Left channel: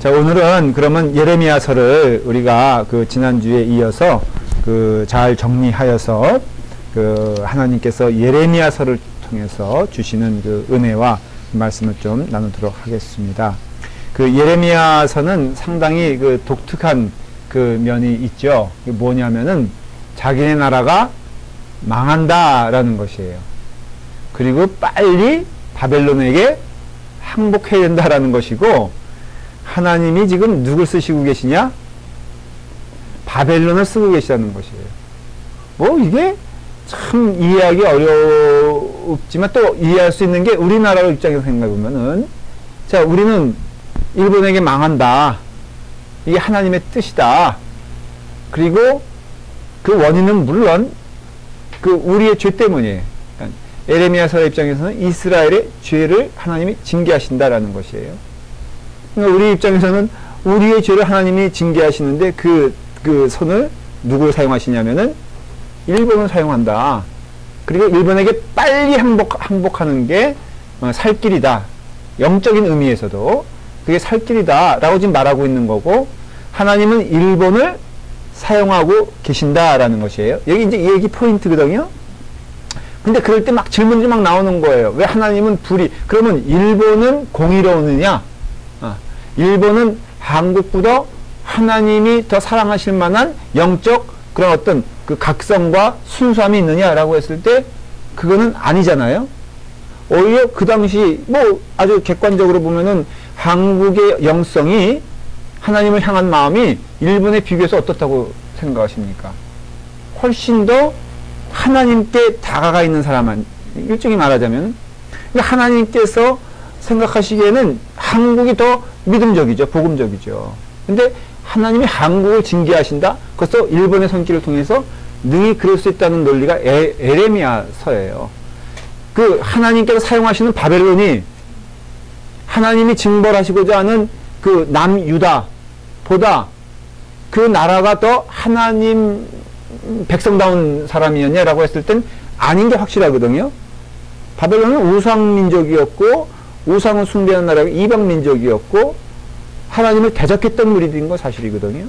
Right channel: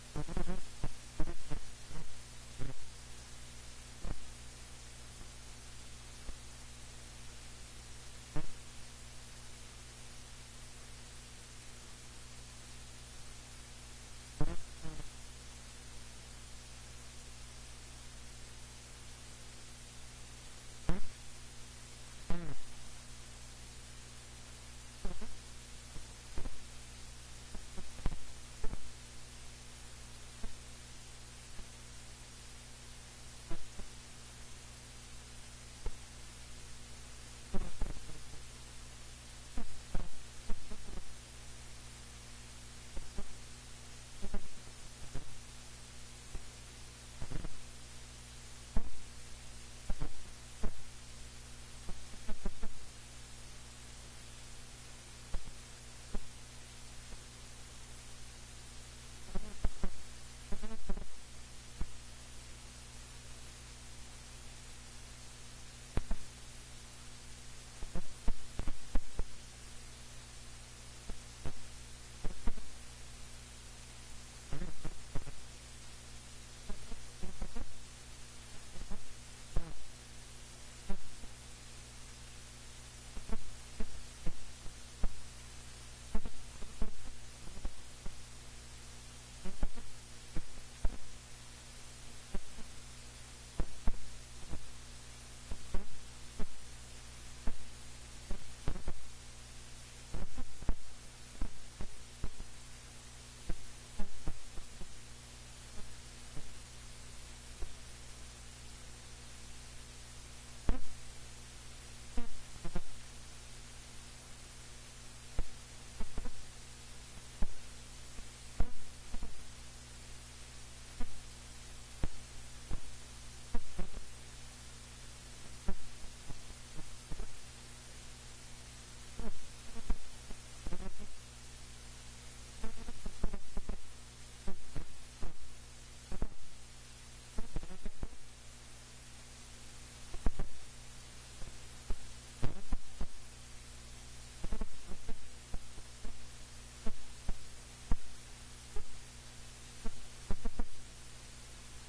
자, 오늘은 그러면 예레미야서를 우리가 그 지난주에 이어서 그 잘 정리하여서 그 하나님께서 예레미야서를 통해서 주시는 그 은혜와 말씀을 좀 나누도록 하겠습니다. 그 예레미야서는 상당히 그 독특한 그 면이 있죠. 뭐냐면은 자기네 나라가 망한다라는 것이에요. 그리고 빨리 바벨론에게 항복해야 된다라는 것이고, 하나님이 지금 누굴 쓰시고 계시냐? 바벨론을 쓰고 계시다는 것이에요. 뭐 이게 참 이해하기 어렵지만 또 이해할 수 있는 게 우리나라 입장에서 생각해 보면은, 자, 우리는 일본에게 망한다. 이게 하나님의 뜻이다. 그리고 그 원인은 물론 그 우리의 죄 때문이에요. 예레미야서의 입장에서는 이스라엘의 죄를 하나님이 징계하신다라는 것이에요. 그러니까 우리 입장에서는 우리의 죄를 하나님이 징계하시는데 그 손을 누구를 사용하시냐면은 일본을 사용한다. 그리고 일본에게 빨리 항복하는 게 살 길이다. 영적인 의미에서도 그게 살 길이다 라고 지금 말하고 있는 거고, 하나님은 일본을 사용하고 계신다라는 것이에요. 여기 이제 이 얘기 포인트거든요. 근데 그럴 때 막 질문이 막 나오는 거예요. 왜 하나님은 그러면 일본은 공의로우느냐? 일본은 한국보다 하나님이 더 사랑하실 만한 영적 그런 어떤 그 각성과 순수함이 있느냐라고 했을 때 그거는 아니잖아요. 오히려 그 당시 뭐 아주 객관적으로 보면은 한국의 영성이 하나님을 향한 마음이 일본에 비교해서 어떻다고 생각하십니까? 훨씬 더 하나님께 다가가 있는 사람은, 일종의 말하자면 하나님께서 생각하시기에는 한국이 더 믿음적이죠. 복음적이죠. 근데 하나님이 한국을 징계하신다? 그래서 일본의 손길을 통해서 능히 그럴 수 있다는 논리가 예레미야서예요. 그 하나님께서 사용하시는 바벨론이 하나님이 징벌하시고자 하는 그 남유다보다 그 나라가 더 하나님 백성다운 사람이었냐라고 했을 땐 아닌 게 확실하거든요. 바벨론은 우상민족이었고, 우상을 숭배하는 나라가 이방민족이었고, 하나님을 대적했던 무리들인 건 사실이거든요.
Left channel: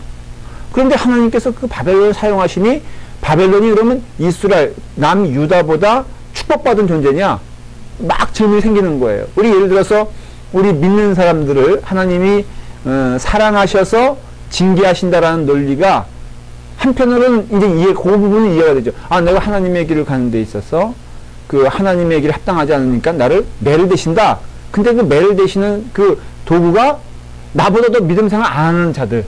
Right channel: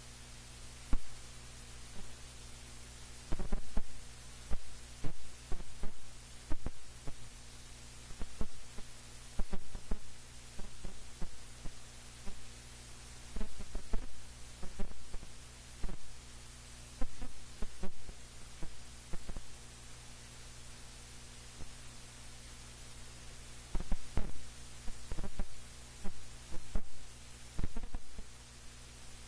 그런데 하나님께서 그 바벨론을 사용하시니 바벨론이 그러면 이스라엘, 남유다보다 축복받은 존재냐? 막 질문이 생기는 거예요. 우리 예를 들어서 우리 믿는 사람들을 하나님이 사랑하셔서 징계하신다라는 논리가 한편으로는 이제 그 부분은 이해가 되죠. 아, 내가 하나님의 길을 가는 데 있어서 그 하나님의 길에 합당하지 않으니까 나를 매를 대신다. 근데 그 매를 대시는 그 도구가 나보다 더 믿음 생활 안 하는 자들,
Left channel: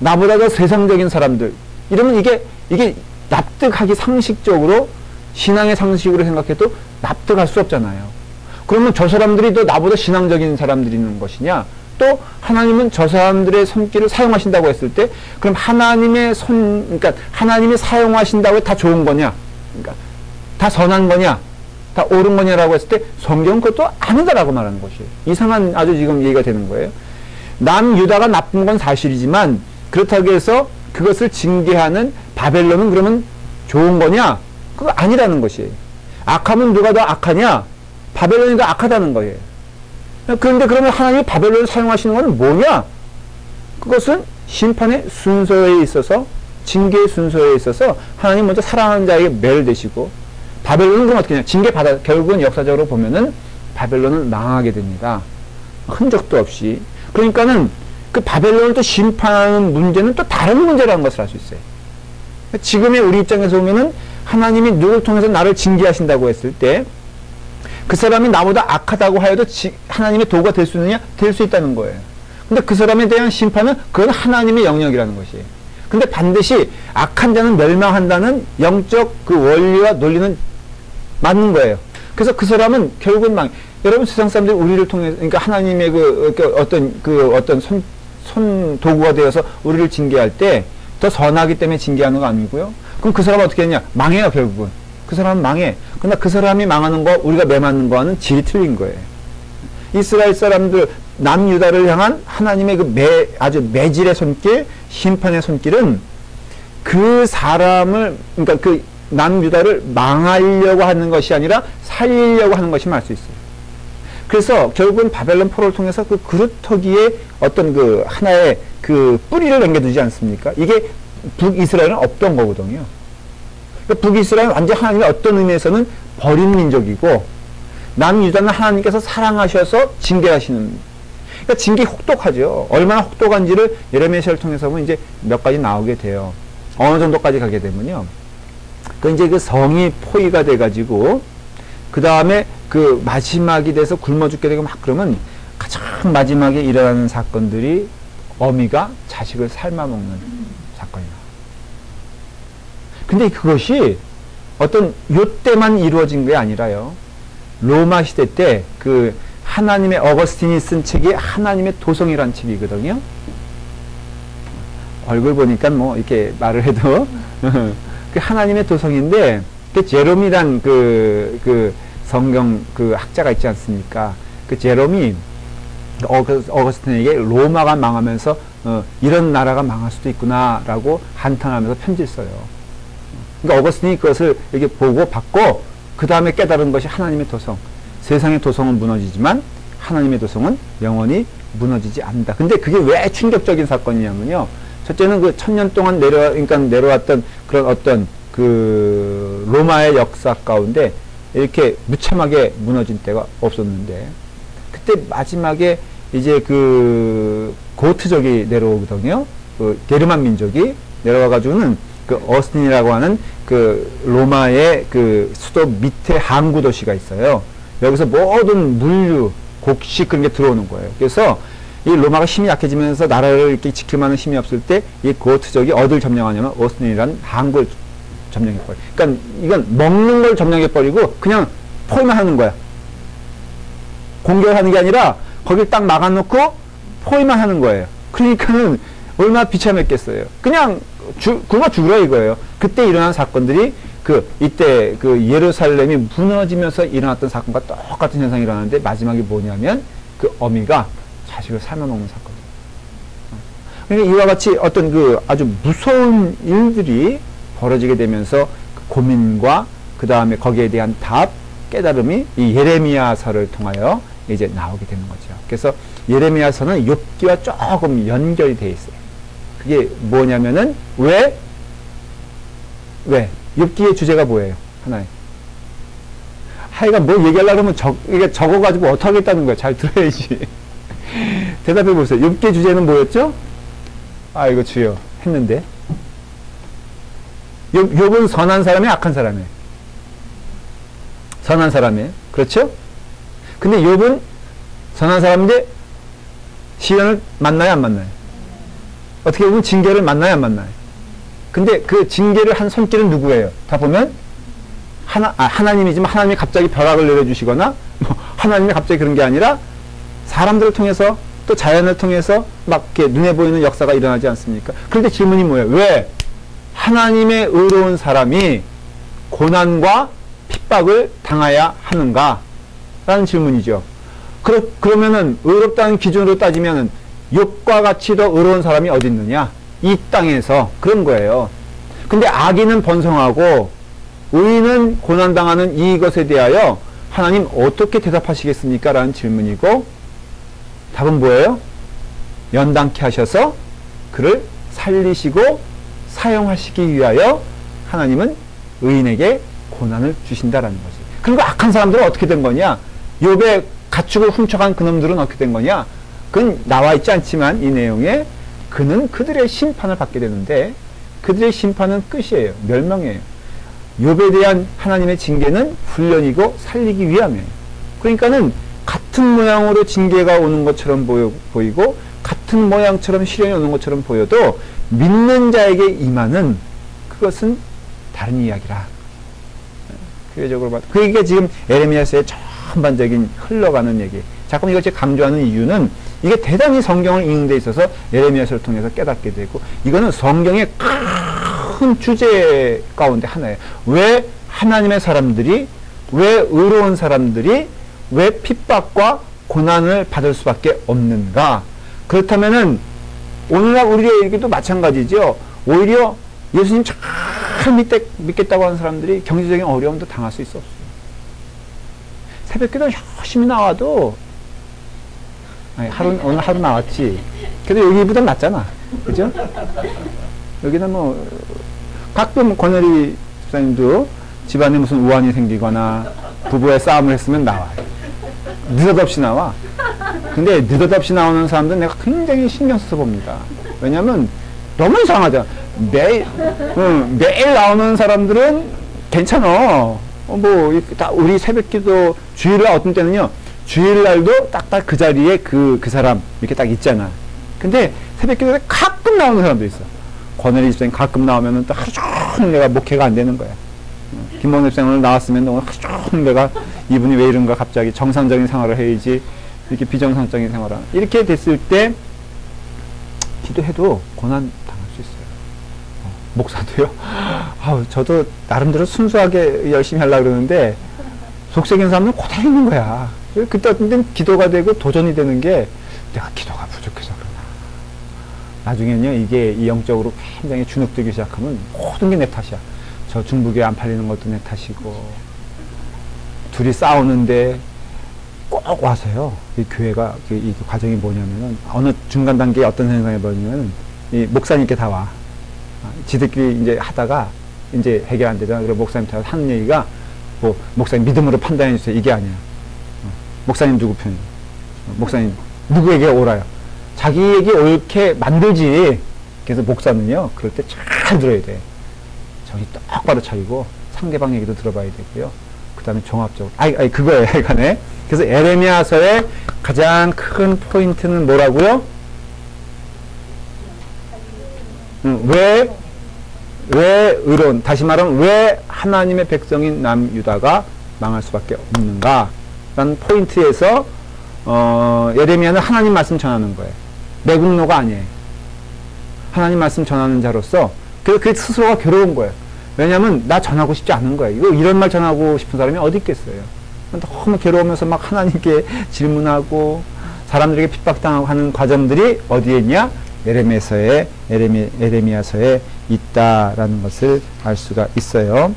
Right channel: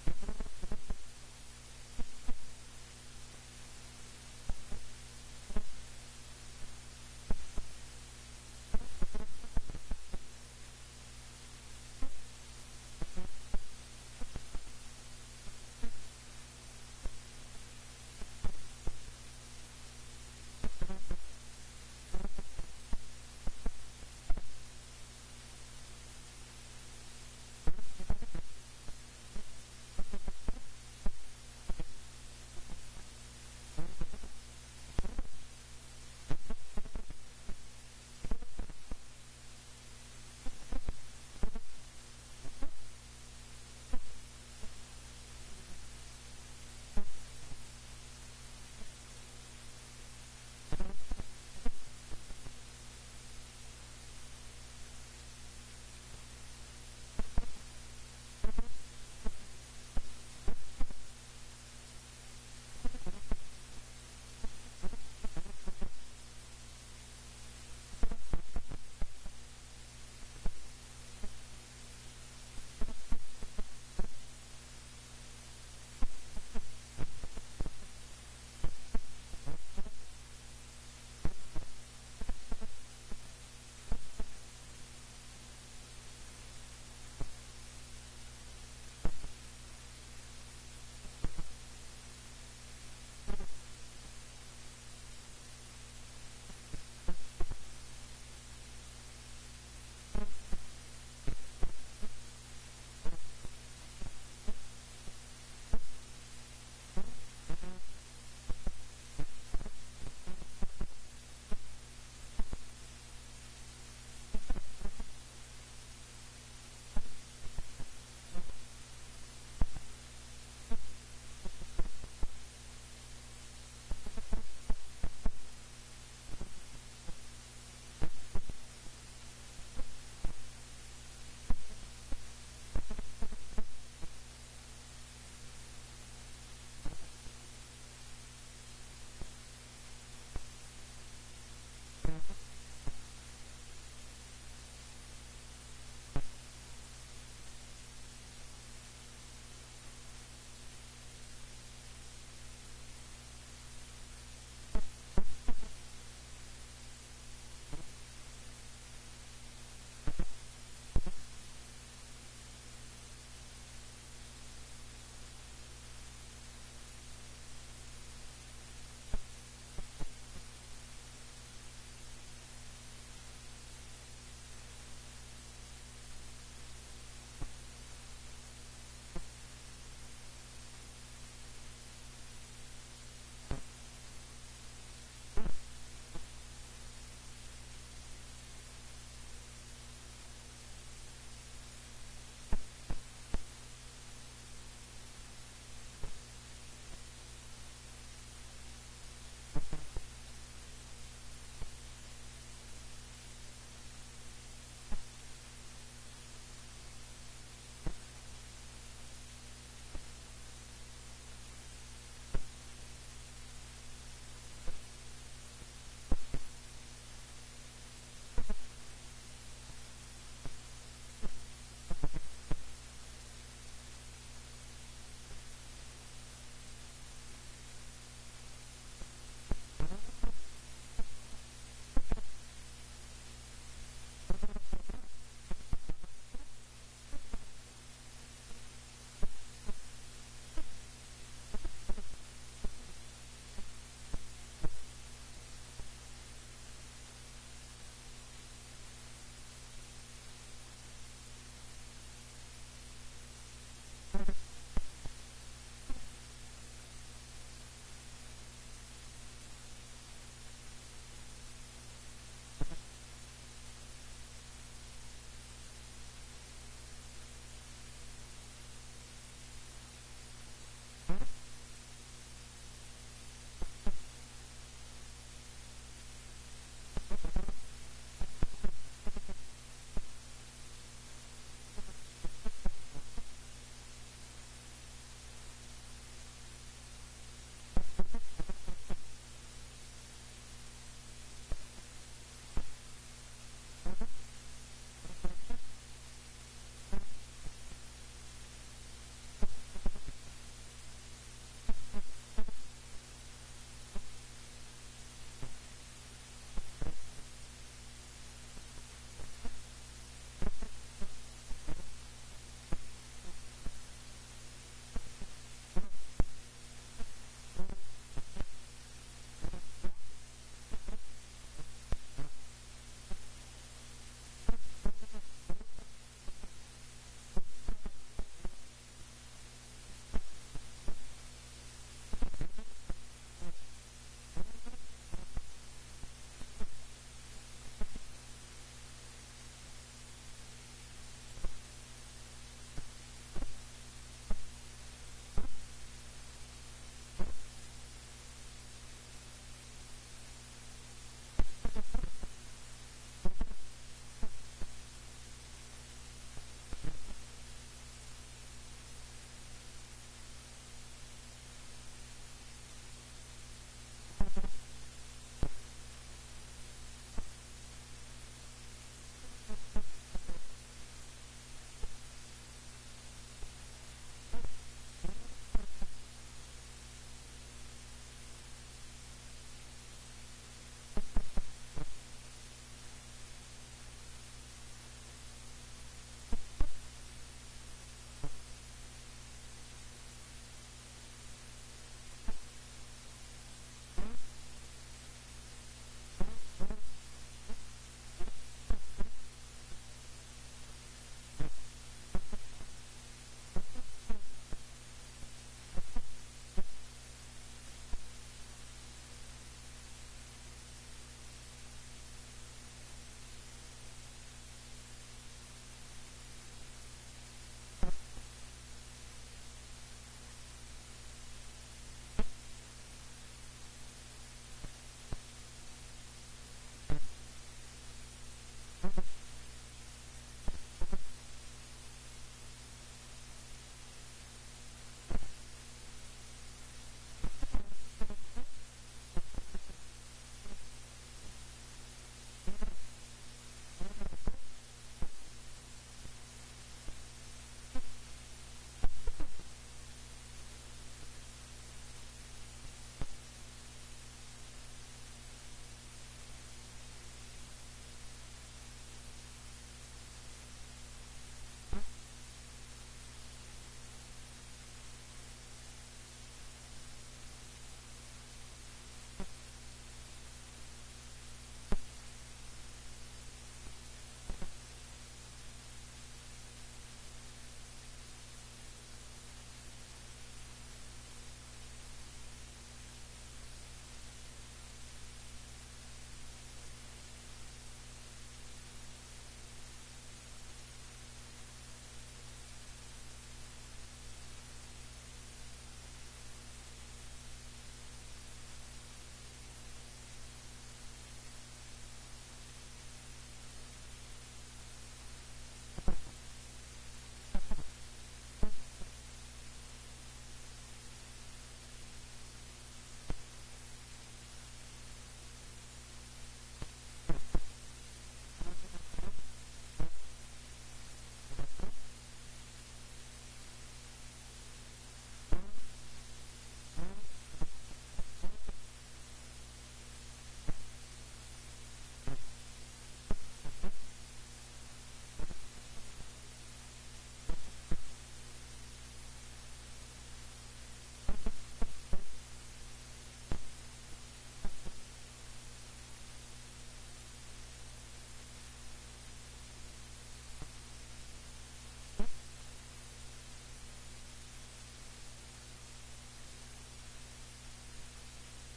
나보다 더 세상적인 사람들, 이러면 이게 납득하기 상식적으로, 신앙의 상식으로 생각해도 납득할 수 없잖아요. 그러면 저 사람들이 더 나보다 신앙적인 사람들이 있는 것이냐? 또 하나님은 저 사람들의 손길을 사용하신다고 했을 때 그럼 그러니까 하나님이 사용하신다고 다 좋은 거냐? 그러니까 다 선한 거냐? 다 옳은 거냐라고 했을 때 성경은 그것도 아니다라고 말하는 것이에요. 이상한 아주 지금 얘기가 되는 거예요. 남유다가 나쁜 건 사실이지만 그렇다고 해서 그것을 징계하는 바벨론은 그러면 좋은 거냐? 그거 아니라는 것이에요. 악하면 누가 더 악하냐? 바벨론이 더 악하다는 거예요. 그런데 그러면 하나님이 바벨론을 사용하시는 건 뭐냐? 그것은 심판의 순서에 있어서, 징계의 순서에 있어서 하나님 먼저 사랑하는 자에게 매를 대시고, 바벨론은 그럼 어떻게 하냐? 결국은 역사적으로 보면은 바벨론은 망하게 됩니다. 흔적도 없이. 그러니까는 그 바벨론을 또 심판하는 문제는 또 다른 문제라는 것을 알 수 있어요. 지금의 우리 입장에서 보면은 하나님이 누구를 통해서 나를 징계하신다고 했을 때 그 사람이 나보다 악하다고 하여도 하나님의 도구가 될 수 있느냐? 될 수 있다는 거예요. 근데 그 사람에 대한 심판은 그건 하나님의 영역이라는 것이에요. 근데 반드시 악한 자는 멸망한다는 영적 그 원리와 논리는 맞는 거예요. 그래서 그 사람은 결국은 여러분 세상 사람들이 우리를 통해서, 그러니까 하나님의 어떤 손 도구가 되어서 우리를 징계할 때 더 선하기 때문에 징계하는 거 아니고요. 그럼 그 사람은 어떻게 했냐? 망해요, 결국은. 그 사람은 망해. 그러나 그 사람이 망하는 거, 우리가 매맞는 거와는 질이 틀린 거예요. 이스라엘 사람들, 남유다를 향한 하나님의 아주 매질의 손길, 심판의 손길은 그 사람을, 그러니까 그 남유다를 망하려고 하는 것이 아니라 살리려고 하는 것임을 알 수 있어요. 그래서 결국은 바벨론 포로를 통해서 그 그루터기에 어떤 그 하나의 그 뿌리를 남겨두지 않습니까? 이게 북이스라엘은 없던 거거든요. 그러니까 북이스라엘은 완전 하나님의 어떤 의미에서는 버린 민족이고, 남유다는 하나님께서 사랑하셔서 징계하시는, 그러니까 징계 혹독하죠. 얼마나 혹독한지를 예레미야서를 통해서 보면 이제 몇 가지 나오게 돼요. 어느 정도까지 가게 되면요. 그 이제 그 성이 포위가 돼가지고, 그 다음에 그 마지막이 돼서 굶어 죽게 되고 막 그러면 가장 마지막에 일어나는 사건들이 어미가 자식을 삶아먹는 사건이 나와요. 근데 그것이 어떤 요때만 이루어진 게 아니라요. 로마 시대 때 그 하나님의 어거스틴이 쓴 책이 하나님의 도성이라는 책이거든요. 얼굴 보니까 뭐 이렇게 말을 해도 그 하나님의 도성인데, 그 제롬이란 그 성경 그 학자가 있지 않습니까? 그 제롬이 어거스틴에게 로마가 망하면서 이런 나라가 망할 수도 있구나라고 한탄하면서 편지를 써요. 그러니까 어거스틴이 그것을 이렇게 보고 받고 그 다음에 깨달은 것이 하나님의 도성. 세상의 도성은 무너지지만 하나님의 도성은 영원히 무너지지 않는다. 근데 그게 왜 충격적인 사건이냐면요. 첫째는 그 1000년 동안 내려왔던 그런 어떤 그 로마의 역사 가운데 이렇게 무참하게 무너진 때가 없었는데, 그때 마지막에 이제 그 고트족이 내려오거든요. 그 게르만 민족이 내려와가지고는 그 어스틴이라고 하는 그 로마의 그 수도 밑에 항구 도시가 있어요. 여기서 모든 물류, 곡식 그런 게 들어오는 거예요. 그래서 이 로마가 힘이 약해지면서 나라를 이렇게 지킬 만한 힘이 없을 때 이 고트족이 어딜 점령하냐면 어스틴이라는 항구를 점령해버려요. 그러니까 이건 먹는 걸 점령해버리고 그냥 포위만 하는 거야. 공격을 하는 게 아니라 거길 딱 막아놓고 포위만 하는 거예요. 그러니까는 얼마나 비참했겠어요. 그냥 굶어 죽으라 이거예요. 그때 일어난 사건들이 이때 그 예루살렘이 무너지면서 일어났던 사건과 똑같은 현상이 일어나는데, 마지막이 뭐냐면 그 어미가 자식을 삶아먹는 사건. 그러니까 이와 같이 어떤 그 아주 무서운 일들이 벌어지게 되면서 그 고민과 그 다음에 거기에 대한 답, 깨달음이 이 예레미야서를 통하여 이제 나오게 되는 거죠. 그래서 예레미야서는 욥기와 조금 연결이 되어 있어요. 그게 뭐냐면은 왜? 욥기의 주제가 뭐예요? 하나에. 하여간 뭐 얘기하려고 하면 이게 적어가지고 어떻게 하겠다는 거야. 잘 들어야지. 대답해 보세요. 욥기의 주제는 뭐였죠? 아이고 주여 했는데. 욥은 선한 사람이에요? 악한 사람이에요? 선한 사람이에요. 그렇죠? 근데 욥은 선한 사람인데 시련을 만나요? 안 만나요? 어떻게 보면 징계를 만나요? 안 만나요? 근데 그 징계를 한 손길은 누구예요? 다 보면 하나님이지만 하나님이 갑자기 벼락을 내려주시거나 뭐 하나님이 갑자기 그런 게 아니라 사람들을 통해서 또 자연을 통해서 막 이렇게 눈에 보이는 역사가 일어나지 않습니까? 그런데 질문이 뭐예요? 왜 하나님의 의로운 사람이 고난과 핍박을 당해야 하는가? 라는 질문이죠. 그러면은 의롭다는 기준으로 따지면은 욥과 같이 더 의로운 사람이 어디 있느냐? 이 땅에서. 그런 거예요. 근데 악인은 번성하고 의인은 고난당하는 이것에 대하여 하나님 어떻게 대답하시겠습니까? 라는 질문이고, 답은 뭐예요? 연단케 하셔서 그를 살리시고 사용하시기 위하여 하나님은 의인에게 고난을 주신다라는 거지. 그리고 악한 사람들은 어떻게 된 거냐? 욥의 가축을 훔쳐간 그놈들은 어떻게 된 거냐? 그건 나와 있지 않지만 이 내용에 그는 그들의 심판을 받게 되는데, 그들의 심판은 끝이에요. 멸망이에요. 욥에 대한 하나님의 징계는 훈련이고 살리기 위함이에요. 그러니까는 같은 모양으로 징계가 오는 것처럼 보이고 같은 모양처럼 시련이 오는 것처럼 보여도 믿는 자에게 임하는 그것은 다른 이야기라. 교회적으로 봐도 그게 지금 예레미야서의 전반적인 흘러가는 얘기. 자꾸 이걸 제가 강조하는 이유는 이게 대단히 성경을 읽는 데 있어서 예레미야서를 통해서 깨닫게 되고, 이거는 성경의 큰 주제 가운데 하나예요. 왜 하나님의 사람들이, 왜 의로운 사람들이 왜 핍박과 고난을 받을 수밖에 없는가? 그렇다면은 오늘날 우리의 얘기도 마찬가지죠. 오히려 예수님 잘 믿겠다고 하는 사람들이 경제적인 어려움도 당할 수 있어 없어요. 새벽기도 열심히 나와도, 아니, 오늘 하루 나왔지. 그래도 여기보다 낫잖아. 그죠? 여기는 뭐, 가끔 권혜리 집사님도 집안에 무슨 우환이 생기거나 부부의 싸움을 했으면 나와. 느닷없이 나와. 근데 느닷없이 나오는 사람들은 내가 굉장히 신경 써서 봅니다. 왜냐면 너무 이상하잖아. 매일 나오는 사람들은 괜찮아. 우리 새벽기도 주일날 어떤 때는요, 주일날도 딱딱 그 자리에 그 사람 이렇게 딱 있잖아. 근데 새벽기도에 가끔 나오는 사람도 있어. 권혜리 집사님 가끔 나오면은 또 하루 종일 내가 목회가 안 되는 거야. 김봉래 집사님 오늘 나왔으면 오늘 하루 종일 내가 이분이 왜 이런가 갑자기 정상적인 생활을 해야지 이렇게 비정상적인 생활을 이렇게 됐을 때 기도해도 고난 당할 수 있어요. 목사도요. 저도 나름대로 순수하게 열심히 하려고 그러는데 속색인 사람은 그대로 있는 거야. 그때 어떤 때는 기도가 되고 도전이 되는 게 내가 기도가 부족해서 그러나. 나중에는요, 이게 이 영적으로 굉장히 주눅들기 시작하면 모든 게 내 탓이야. 저 중부교회 안 팔리는 것도 내 탓이고, 둘이 싸우는데 꼭 와서요, 이 교회가, 이 과정이 뭐냐면은, 어느 중간 단계에 어떤 생각이 벌어지면, 이 목사님께 다 와. 지들끼리 이제 하다가, 이제 해결 안 되잖아. 그래서 목사님한테 하는 얘기가, 목사님 믿음으로 판단해 주세요. 이게 아니야. 목사님 누구 편이에요? 목사님 누구에게 옳아요? 자기에게 옳게 만들지. 그래서 목사는요, 그럴 때 잘 들어야 돼. 정신 똑바로 차리고 상대방 얘기도 들어봐야 되고요. 그 다음에 종합적으로 그거예요. 간에. 그래서 에레미야서의 가장 큰 포인트는 뭐라고요? 왜 의로운, 다시 말하면 왜 하나님의 백성인 남유다가 망할 수밖에 없는가 라는 포인트에서 예레미야는 하나님 말씀 전하는 거예요. 매국노가 아니에요. 하나님 말씀 전하는 자로서 그 스스로가 괴로운 거예요. 왜냐하면 나 전하고 싶지 않은 거예요. 이런 말 전하고 싶은 사람이 어디 있겠어요. 너무 괴로우면서 막 하나님께 질문하고 사람들에게 핍박당하고 하는 과정들이 어디에 있냐? 에레미야서에 있다라는 것을 알 수가 있어요.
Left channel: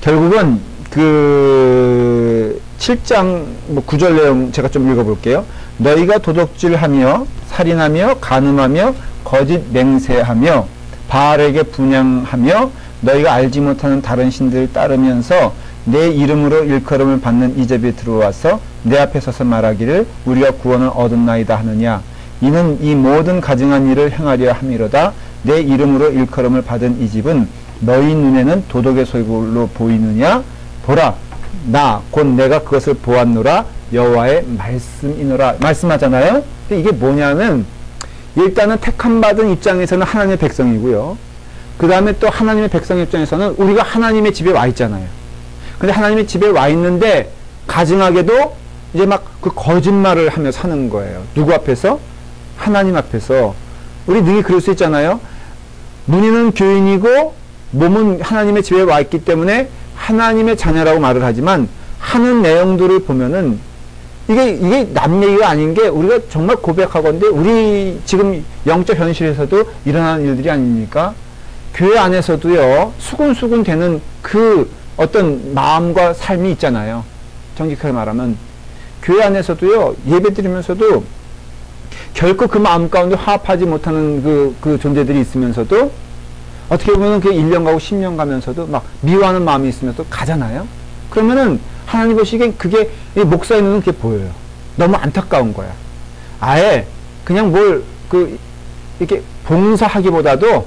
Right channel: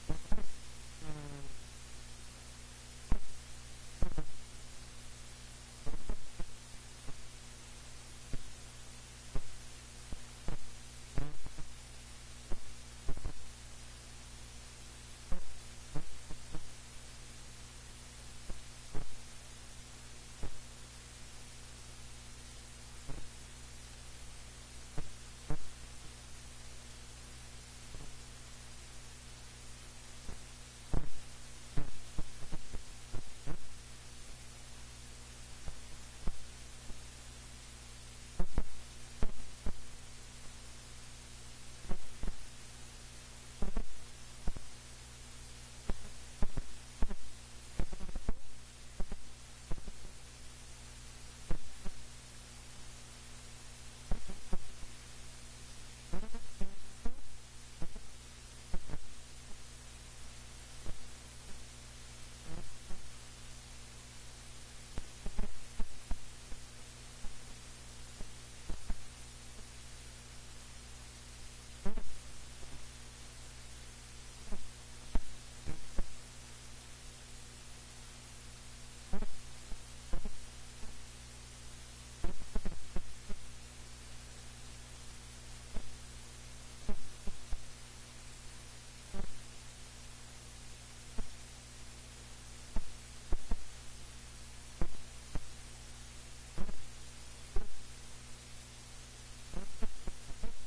결국은 그 7장 9절 내용 제가 좀 읽어볼게요. 너희가 도둑질하며 살인하며 간음하며 거짓 맹세하며 바알에게 분향하며 너희가 알지 못하는 다른 신들을 따르면서 내 이름으로 일컬음을 받는 이 집에 들어와서 내 앞에 서서 말하기를 우리가 구원을 얻었나이다 하느냐. 이는 이 모든 가증한 일을 행하려 함이로다. 내 이름으로 일컬음을 받은 이 집은 너희 눈에는 도덕의 소굴로 보이느냐. 보라, 나 곧 내가 그것을 보았노라. 여호와의 말씀이노라. 말씀하잖아요. 근데 이게 뭐냐면 일단은 택함 받은 입장에서는 하나님의 백성이고요. 그 다음에 또 하나님의 백성 입장에서는 우리가 하나님의 집에 와 있잖아요. 근데 하나님의 집에 와 있는데 가증하게도 이제 막 그 거짓말을 하며 사는 거예요. 누구 앞에서? 하나님 앞에서. 우리 능히 그럴 수 있잖아요. 문의는 교인이고 몸은 하나님의 집에 와 있기 때문에 하나님의 자녀라고 말을 하지만 하는 내용들을 보면은 이게 남 얘기가 아닌 게 우리가 정말 고백하건대 우리 지금 영적 현실에서도 일어나는 일들이 아닙니까? 교회 안에서도요, 수군수군 되는 그 어떤 마음과 삶이 있잖아요. 정직하게 말하면. 교회 안에서도요, 예배 드리면서도 결코 그 마음 가운데 화합하지 못하는 그 존재들이 있으면서도 어떻게 보면 그 1년 가고 10년 가면서도 막 미워하는 마음이 있으면서 가잖아요. 그러면은 하나님 보시기엔 그게 목사의 눈은 그게 보여요. 너무 안타까운 거야. 아예 그냥 이렇게 봉사하기보다도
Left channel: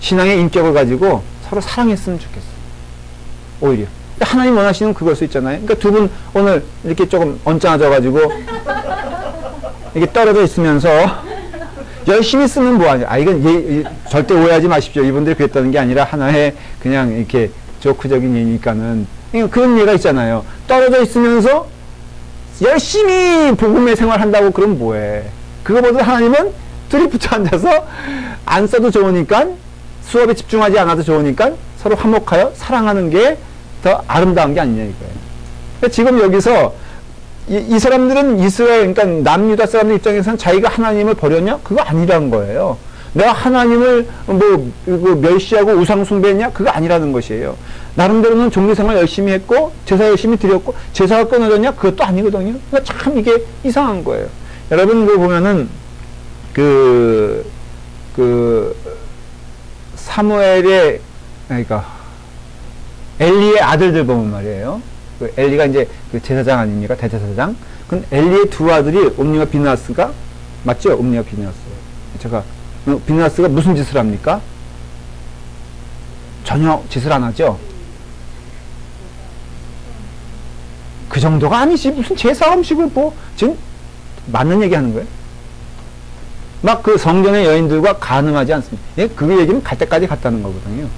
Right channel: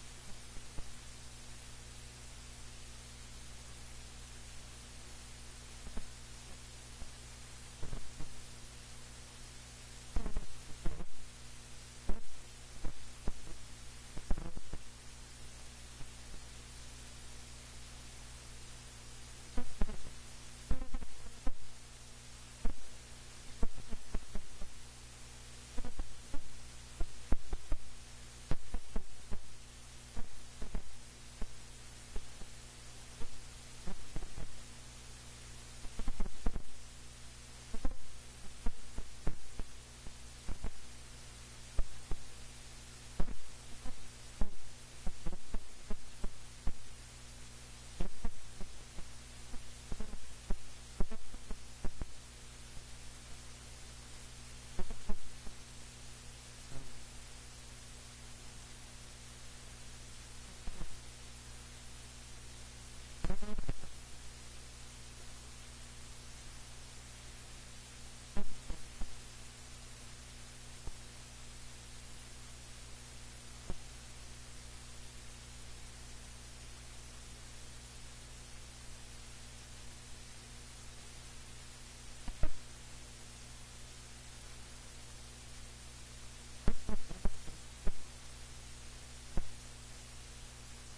신앙의 인격을 가지고 서로 사랑했으면 좋겠어. 오히려. 하나님 원하시는 그걸 수 있잖아요. 그러니까 두 분 오늘 이렇게 조금 언짢아져가지고 이게 떨어져 있으면서 열심히 쓰면 뭐하냐. 이건 절대 오해하지 마십시오. 이분들이 그랬다는 게 아니라 하나의 그냥 이렇게 조크적인 예니까는 그런 예가 있잖아요. 떨어져 있으면서 열심히 복음의 생활한다고 그럼 뭐해. 그거보다 하나님은 둘이 붙어 앉아서 안 써도 좋으니까 수업에 집중하지 않아도 좋으니까 서로 화목하여 사랑하는 게 더 아름다운 게 아니냐 이거예요. 그러니까 지금 여기서 이 사람들은 이스라엘, 그러니까 남유다 사람들 입장에서는 자기가 하나님을 버렸냐? 그거 아니라는 거예요. 내가 하나님을 멸시하고 우상숭배했냐? 그거 아니라는 것이에요. 나름대로는 종교생활 열심히 했고 제사 열심히 드렸고 제사가 끊어졌냐? 그것도 아니거든요. 그러니까 참 이게 이상한 거예요. 여러분 그 보면은 그 사무엘의 그러니까 엘리의 아들들 보면 말이에요. 그 엘리가 이제 그 제사장 아닙니까? 대제사장. 그 엘리의 두 아들이 옴니와 비느하스가 맞죠? 옴니와 비느하스. 제가 비느하스가 무슨 짓을 합니까? 전혀 짓을 안 하죠. 그 정도가 아니지. 무슨 제사 음식을 뭐 지금 맞는 얘기 하는 거예요? 막 그 성전의 여인들과 간음하지 않습니다. 예? 그 얘기는 갈 때까지 갔다는 거거든요.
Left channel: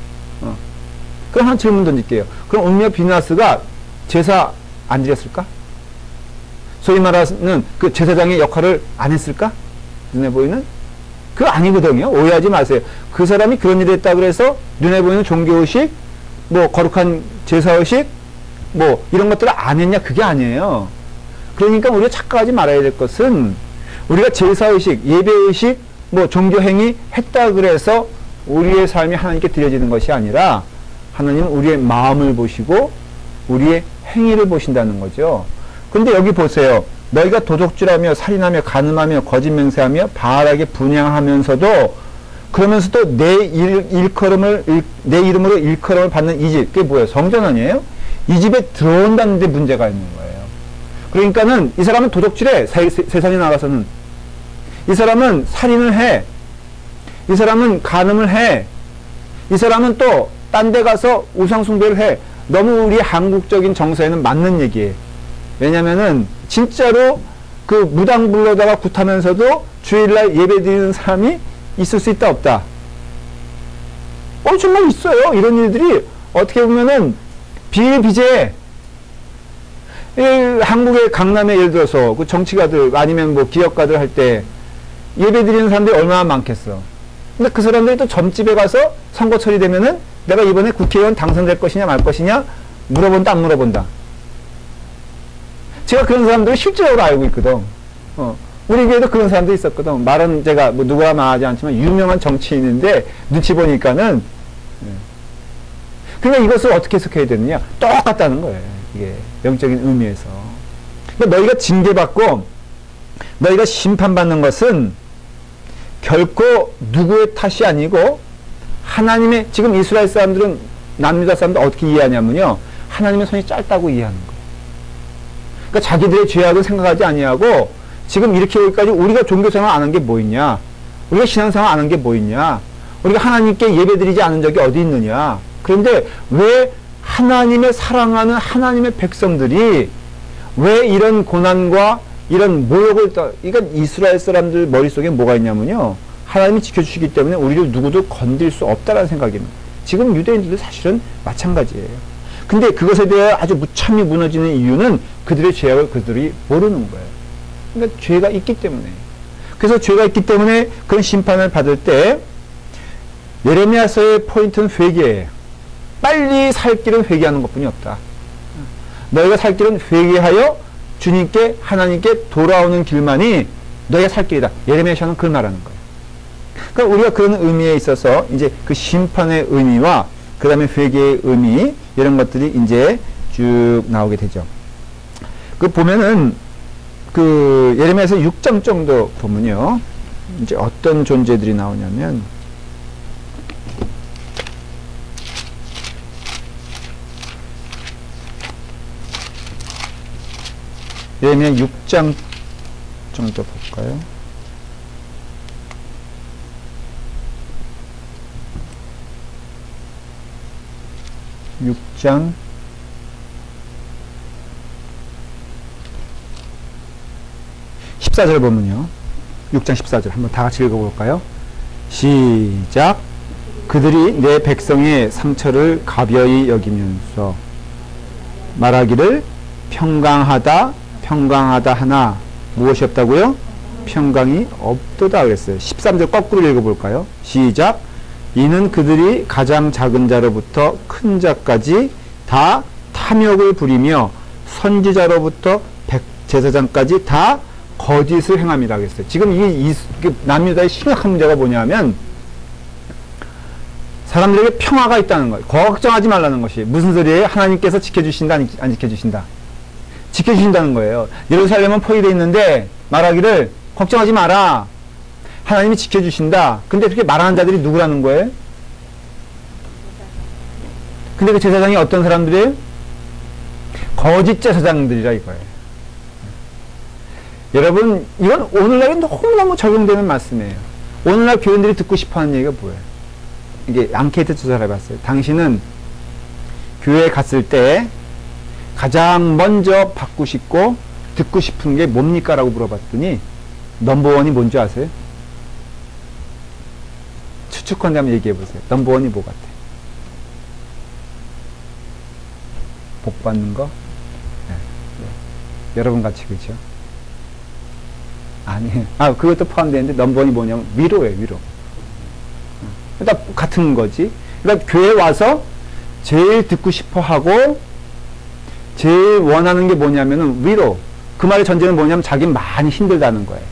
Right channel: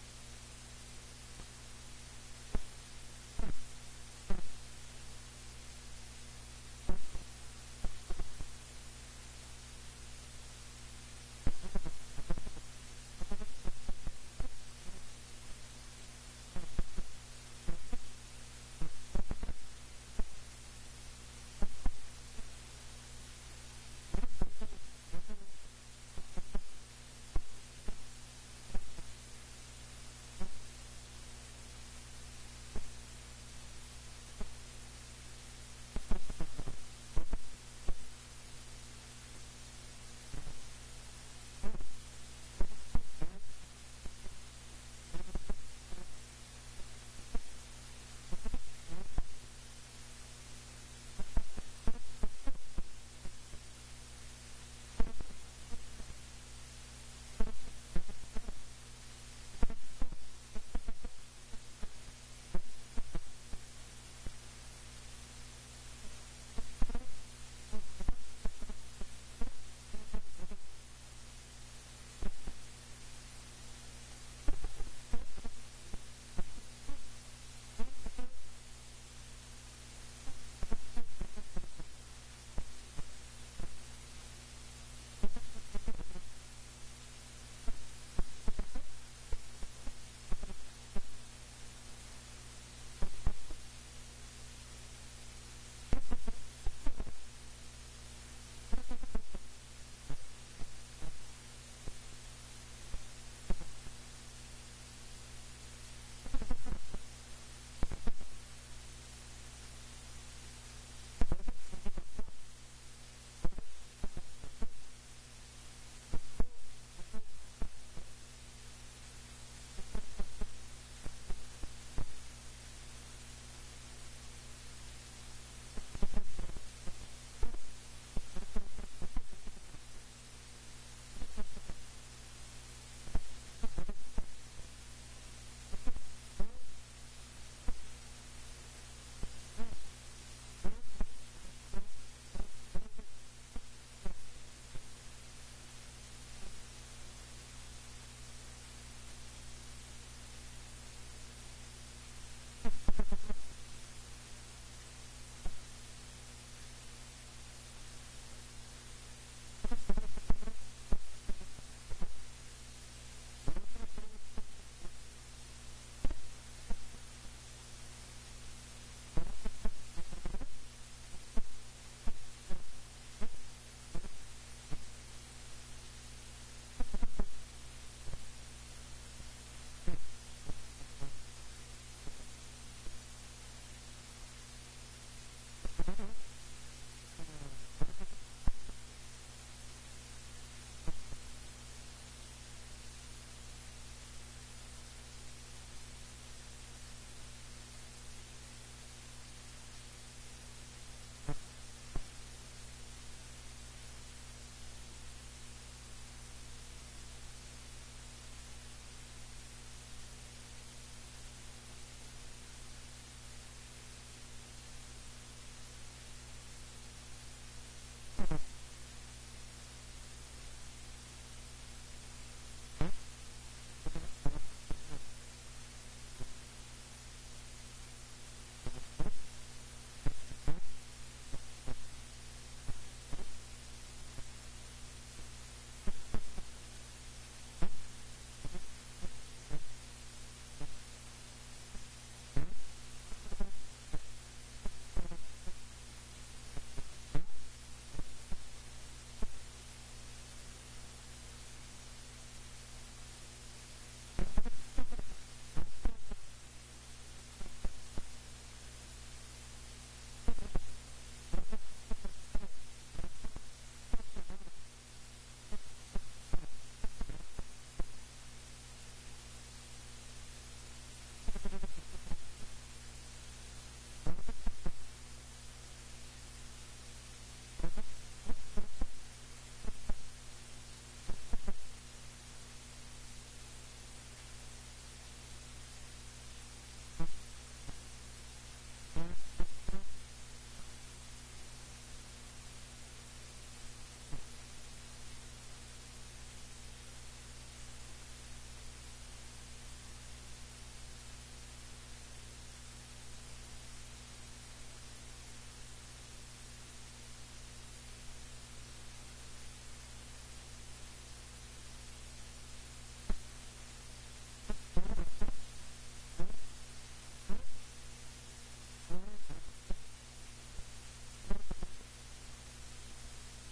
그럼 한 질문 던질게요. 그럼 옴니와 비느하스가 제사 안 드렸을까? 소위 말하는 그 제사장의 역할을 안 했을까? 눈에 보이는? 그거 아니거든요. 오해하지 마세요. 그 사람이 그런 일을 했다 그래서 눈에 보이는 종교의식, 뭐 거룩한 제사의식, 뭐 이런 것들을 안 했냐? 그게 아니에요. 그러니까 우리가 착각하지 말아야 될 것은 우리가 제사의식, 예배의식, 뭐 종교행위 했다 그래서 우리의 삶이 하나님께 드려지는 것이 아니라 하나님은 우리의 마음을 보시고 우리의 행위를 보신다는 거죠. 그런데 여기 보세요. 너희가 도둑질하며 살인하며 간음하며 거짓 맹세하며 바알에게 분향하면서도 그러면서도 내 이름으로 일컬음을 받는 이 집, 그게 뭐예요? 성전 아니에요? 이 집에 들어온다는 데 문제가 있는 거예요. 그러니까는 이 사람은 도둑질해. 세상에 나가서는. 이 사람은 살인을 해. 이 사람은 간음을 해. 이 사람은 또 딴 데 가서 우상숭배를 해. 너무 우리 한국적인 정서에는 맞는 얘기예요. 왜냐면은 진짜로 그 무당불로다가 굿하면서도 주일날 예배 드리는 사람이 있을 수 있다 없다? 정말 있어요. 이런 일들이 어떻게 보면은 비일비재해. 한국의 강남에 예를 들어서 그 정치가들 아니면 뭐 기업가들 할 때 예배 드리는 사람들이 얼마나 많겠어. 근데 그 사람들이 또 점집에 가서 선거철이 되면은 내가 이번에 국회의원 당선될 것이냐 말 것이냐 물어본다 안 물어본다. 제가 그런 사람들을 실제로 알고 있거든. 우리 교회도 그런 사람도 있었거든. 말은 제가 뭐 누구라 말하지 않지만 유명한 정치인인데 눈치 보니까는 그러니까 이것을 어떻게 해석해야 되느냐? 똑같다는 거예요. 이게 영적인 의미에서. 그러니까 너희가 징계받고 너희가 심판받는 것은 결코 누구의 탓이 아니고 하나님의, 지금 이스라엘 사람들은 남유다 사람들 어떻게 이해하냐면요, 하나님의 손이 짧다고 이해하는 거예요. 그러니까 자기들의 죄악을 생각하지 아니하고 지금 이렇게 여기까지 우리가 종교생활 안 한 게 뭐 있냐, 우리가 신앙생활 안 한 게 뭐 있냐, 우리가 하나님께 예배드리지 않은 적이 어디 있느냐. 그런데 왜 하나님의 사랑하는 하나님의 백성들이 왜 이런 고난과 이런 모욕을 그러니까 이스라엘 사람들 머릿속에 뭐가 있냐면요, 하나님이 지켜주시기 때문에 우리를 누구도 건들 수 없다라는 생각입니다. 지금 유대인들도 사실은 마찬가지예요. 근데 그것에 대해 아주 무참히 무너지는 이유는 그들의 죄악을 그들이 모르는 거예요. 그러니까 죄가 있기 때문에. 그래서 죄가 있기 때문에 그런 심판을 받을 때 예레미야서의 포인트는 회개예요. 빨리 살 길은 회개하는 것뿐이 없다. 너희가 살 길은 회개하여 주님께 하나님께 돌아오는 길만이 너희가 살 길이다. 예레미야서는 그걸 말하는 거예요. 그러니까 우리가 그런 의미에 있어서 이제 그 심판의 의미와 그 다음에 회개의 의미 이런 것들이 이제 쭉 나오게 되죠. 그 보면은 그 예레미야서 6장 정도 보면요, 이제 어떤 존재들이 나오냐면 예레미야 6장 정도 볼까요? (6장) 14절 보면요, 6장 14절 한번 다 같이 읽어볼까요? 시작. 그들이 내 백성의 상처를 가벼이 여기면서 말하기를 평강하다 평강하다 하나 무엇이 없다고요? 평강이 없도다 그랬어요. 13절 거꾸로 읽어볼까요? 시작. 이는 그들이 가장 작은 자로부터 큰 자까지 다 탐욕을 부리며 선지자로부터 제사장까지 다 거짓을 행함이라 그랬어요. 지금 이게 남유다의 심각한 문제가 뭐냐면 사람들에게 평화가 있다는 것. 걱정하지 말라는 것이. 무슨 소리예요? 하나님께서 지켜주신다, 안 지켜주신다? 지켜주신다는 거예요. 예루살렘은 포위되어 있는데 말하기를 걱정하지 마라. 하나님이 지켜주신다. 근데 그렇게 말하는 자들이 누구라는 거예요? 근데 그 제사장이 어떤 사람들이에요? 거짓 제사장들이라 이거예요. 여러분, 이건 오늘날에 너무너무 적용되는 말씀이에요. 오늘날 교인들이 듣고 싶어하는 얘기가 뭐예요? 이게 앙케이트 조사를 해봤어요. 당신은 교회에 갔을 때 가장 먼저 받고 싶고 듣고 싶은 게 뭡니까? 라고 물어봤더니 넘버원이 뭔지 아세요? 추측컨대 한번 얘기해보세요. 넘버원이 뭐 같아요? 복 받는 거? 네. 여러분 같이 그죠? 아니에요. 그것도 포함되는데 넘버원이 뭐냐면 위로예요. 위로. 그러니까 같은 거지. 그러니까 교회에 와서 제일 듣고 싶어 하고 제일 원하는 게 뭐냐면은 위로. 그 말의 전제는 뭐냐면 자기 많이 힘들다는 거예요.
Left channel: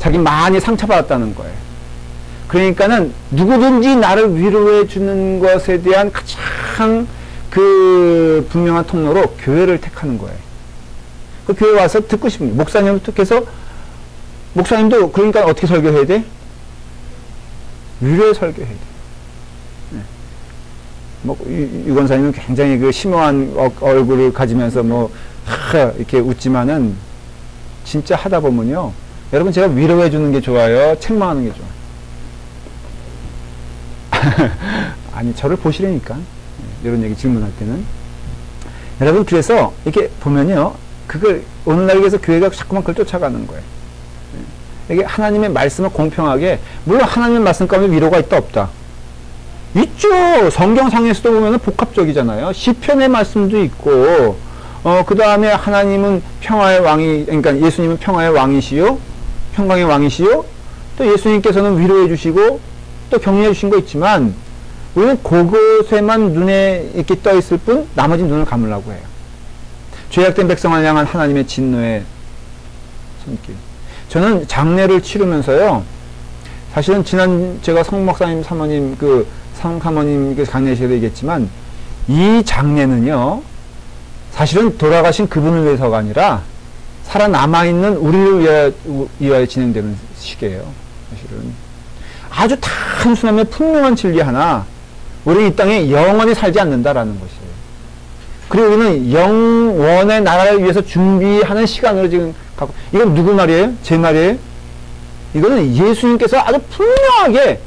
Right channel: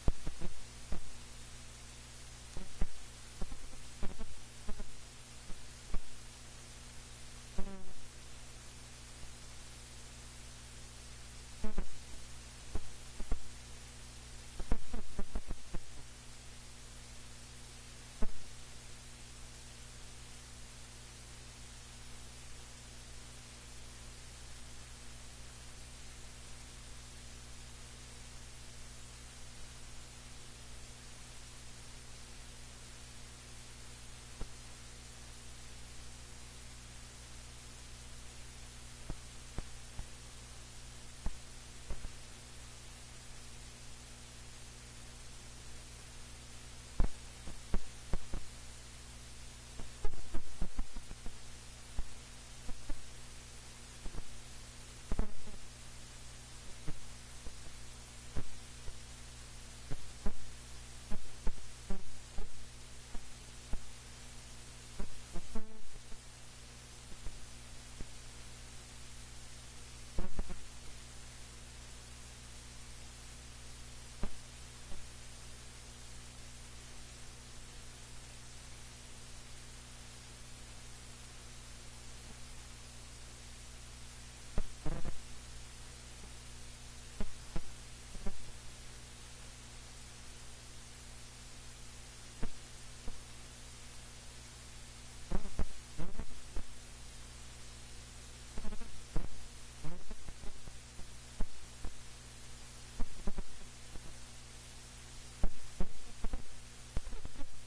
자기 많이 상처받았다는 거예요. 그러니까는 누구든지 나를 위로해 주는 것에 대한 가장 그 분명한 통로로 교회를 택하는 거예요. 그 교회 와서 듣고 싶은 목사님을 택해서 목사님도 그러니까 어떻게 설교해야 돼? 위로의 설교해야 돼. 네. 뭐 유권사님은 굉장히 그 심오한 얼굴을 가지면서 이렇게 웃지만은 진짜 하다 보면요, 여러분 제가 위로해 주는 게 좋아요? 책망하는 게 좋아요? 아니 저를 보시라니까. 이런 얘기 질문할 때는 여러분 그래서 이렇게 보면요, 그걸 오늘날 위해서 교회가 자꾸만 그걸 쫓아가는 거예요. 이게 하나님의 말씀을 공평하게, 물론 하나님의 말씀 가운데 위로가 있다 없다? 있죠. 성경상에서도 보면 복합적이잖아요. 시편의 말씀도 있고, 그 다음에 하나님은 평화의 왕이, 그러니까 예수님은 평화의 왕이시요, 평강의 왕이시요, 또 예수님께서는 위로해 주시고 또 격려해 주신 거 있지만 우리는 그것에만 눈에 이렇게 떠 있을 뿐 나머지 눈을 감으려고 해요. 죄악된 백성을 향한 하나님의 진노의 손길. 저는 장례를 치르면서요, 사실은 지난 제가 성목사님 사모님 상사모님 장례식에도 얘기했지만 이 장례는요 사실은 돌아가신 그분을 위해서가 아니라 살아남아있는 우리를 위하여 진행되는 시기예요. 사실은 아주 단순하면 분명한 진리 하나, 우리 이 땅에 영원히 살지 않는다라는 것이에요. 그리고 우리는 영원의 나라를 위해서 준비하는 시간으로 지금 갖고, 이건 누구 말이에요? 제 말이에요? 이거는 예수님께서 아주 분명하게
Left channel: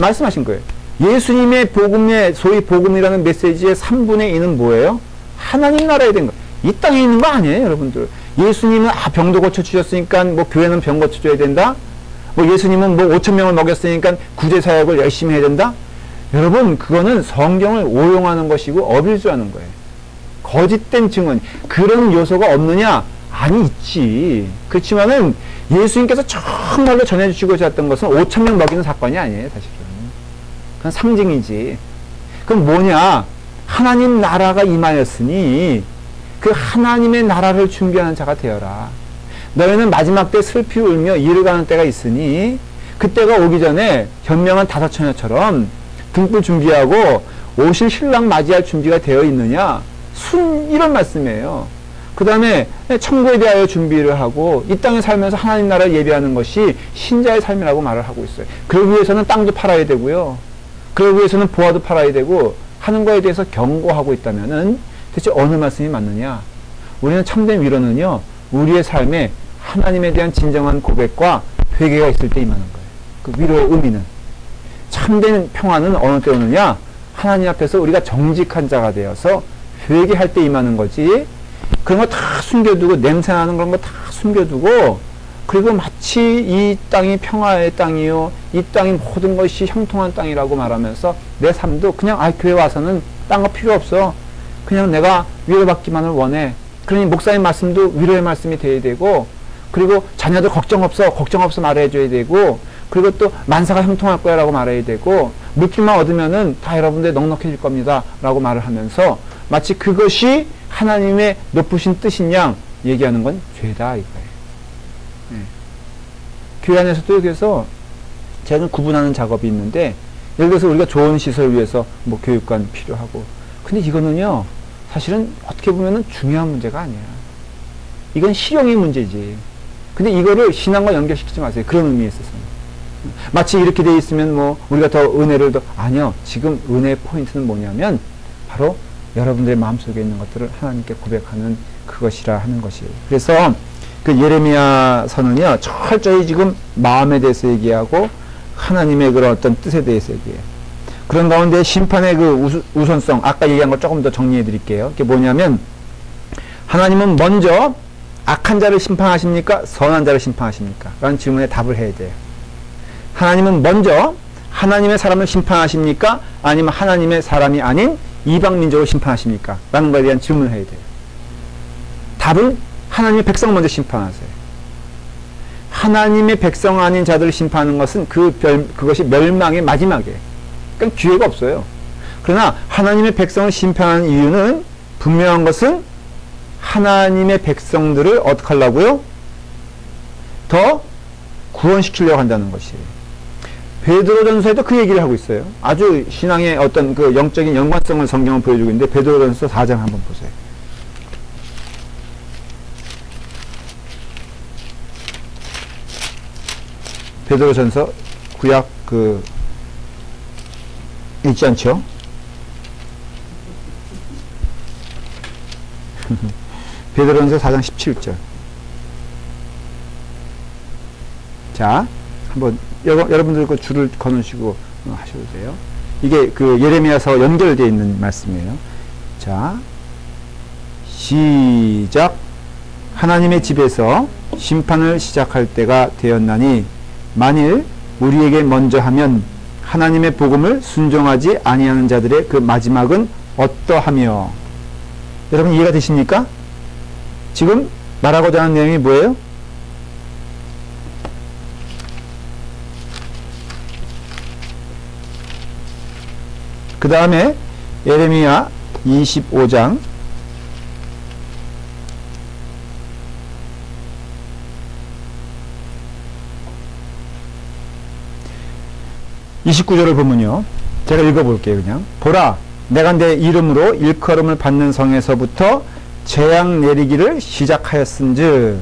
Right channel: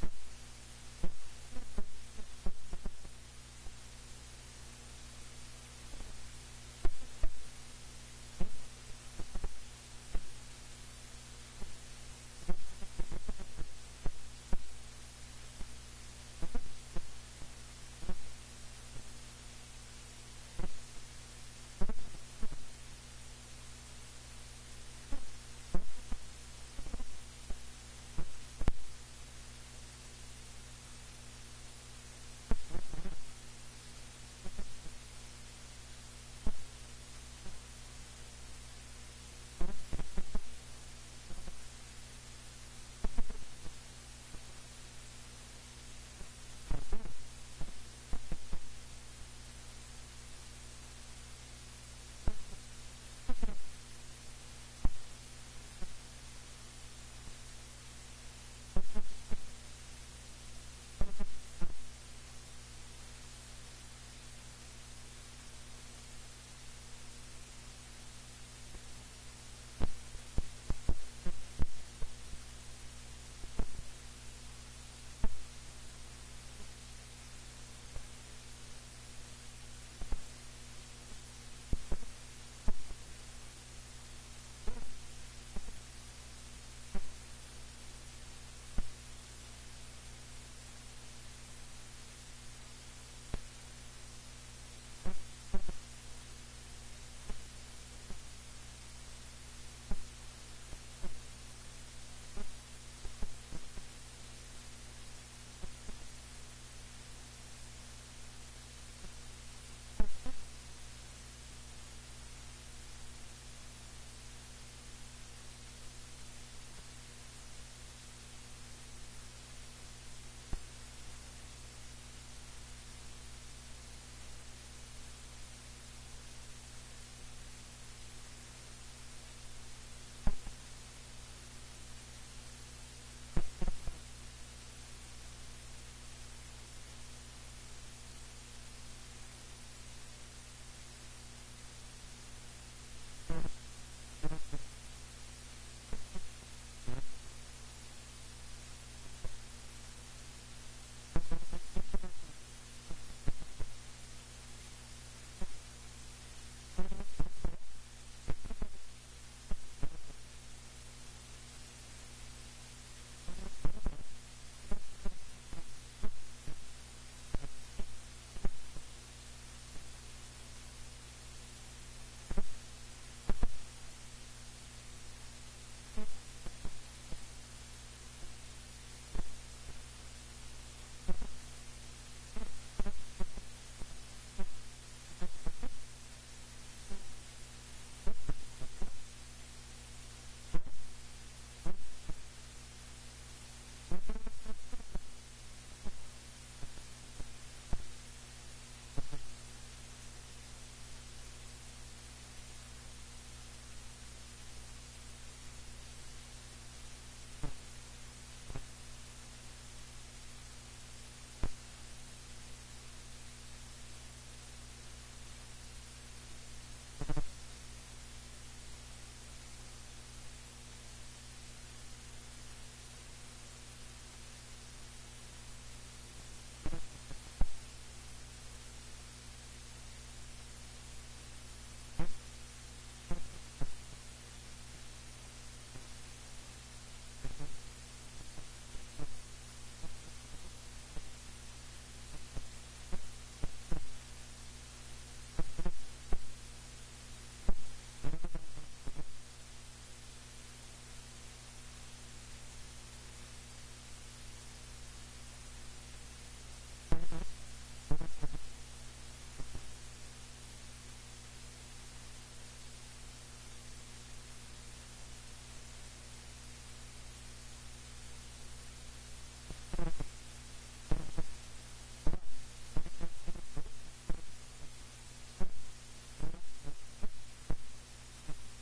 말씀하신 거예요. 예수님의 복음의, 소위 복음이라는 메시지의 3분의 2는 뭐예요? 하나님 나라에 된 거예요. 이 땅에 있는 거 아니에요, 여러분들. 예수님은 병도 고쳐주셨으니까 교회는 병 고쳐줘야 된다? 예수님은 5,000명을 먹였으니까 구제사역을 열심히 해야 된다? 여러분, 그거는 성경을 오용하는 것이고 어빌즈하는 거예요. 거짓된 증언, 그런 요소가 없느냐? 아니, 있지. 그렇지만은 예수님께서 정말로 전해주시고자 했던 것은 5,000명 먹이는 사건이 아니에요, 사실은. 그건 상징이지. 그럼 뭐냐? 하나님 나라가 임하였으니 그 하나님의 나라를 준비하는 자가 되어라. 너희는 마지막 때 슬피 울며 이르가는 때가 있으니 그때가 오기 전에 현명한 다섯 처녀처럼 등불 준비하고 오실 신랑 맞이할 준비가 되어 있느냐? 이런 말씀이에요. 그 다음에 천국에 대하여 준비를 하고 이 땅에 살면서 하나님 나라를 예배하는 것이 신자의 삶이라고 말을 하고 있어요. 그러기 위해서는 땅도 팔아야 되고요. 그러기 위해서는 보화도 팔아야 되고 하는 거에 대해서 경고하고 있다면은 대체 어느 말씀이 맞느냐? 우리는 참된 위로는요, 우리의 삶에 하나님에 대한 진정한 고백과 회개가 있을 때 임하는 거예요. 그 위로의 의미는. 참된 평화는 어느 때 오느냐? 하나님 앞에서 우리가 정직한 자가 되어서 회개할 때 임하는 거지. 그런 거 다 숨겨두고, 냄새나는 그런 거 다 숨겨두고, 그리고 마치 이 땅이 평화의 땅이요, 이 땅이 모든 것이 형통한 땅이라고 말하면서 내 삶도 그냥 교회 와서는 딴 거 필요 없어. 그냥 내가 위로받기만을 원해. 그러니 목사님 말씀도 위로의 말씀이 돼야 되고, 그리고 자녀들 걱정 없어 말해줘야 되고, 그리고 또 만사가 형통할 거야 라고 말해야 되고, 물질만 얻으면은 다 여러분들 넉넉해질 겁니다 라고 말을 하면서 마치 그것이 하나님의 높으신 뜻인 양 얘기하는 건 죄다 이거예요. 교회 안에서도 그래서 제가 구분하는 작업이 있는데, 예를 들어서 우리가 좋은 시설 위해서 뭐 교육관 필요하고. 근데 이거는요, 사실은 어떻게 보면은 중요한 문제가 아니야. 이건 실용의 문제지. 근데 이거를 신앙과 연결시키지 마세요. 그런 의미에 있어서는. 마치 이렇게 돼 있으면 뭐 우리가 더 은혜를 더, 아니요. 지금 은혜의 포인트는 뭐냐면 바로 여러분들의 마음속에 있는 것들을 하나님께 고백하는 그것이라 하는 것이에요. 그래서 그 예레미야 서는요, 철저히 지금 마음에 대해서 얘기하고 하나님의 그런 어떤 뜻에 대해서 얘기해요. 그런 가운데 심판의 그 우선성, 아까 얘기한 거 조금 더 정리해 드릴게요. 그게 뭐냐면, 하나님은 먼저 악한 자를 심판하십니까? 선한 자를 심판하십니까? 라는 질문에 답을 해야 돼요. 하나님은 먼저 하나님의 사람을 심판하십니까? 아니면 하나님의 사람이 아닌 이방 민족을 심판하십니까? 라는 것에 대한 질문을 해야 돼요. 답은 하나님의 백성을 먼저 심판하세요. 하나님의 백성 아닌 자들을 심판하는 것은 그것이 멸망의 마지막이에요. 그러니까 기회가 없어요. 그러나 하나님의 백성을 심판하는 이유는 분명한 것은 하나님의 백성들을 어떻게 하려고요? 더 구원시키려고 한다는 것이에요. 베드로전서에도 그 얘기를 하고 있어요. 아주 신앙의 어떤 그 영적인 연관성을 성경은 보여주고 있는데, 베드로전서 4장 한번 보세요. 베드로전서 구약 읽지 않죠? 베드로전서 4장 17절. 자, 한번 여러분들 그 줄을 거놓으시고 하셔도 돼요. 이게 그 예레미야서 연결되어 있는 말씀이에요. 자, 시작. 하나님의 집에서 심판을 시작할 때가 되었나니 만일 우리에게 먼저 하면 하나님의 복음을 순종하지 아니하는 자들의 그 마지막은 어떠하며. 여러분 이해가 되십니까? 지금 말하고자 하는 내용이 뭐예요? 그 다음에 예레미야 25장 29절을 보면요, 제가 읽어볼게요. 그냥 보라, 내가 내 이름으로 일컬음을 받는 성에서부터 재앙 내리기를 시작하였은즉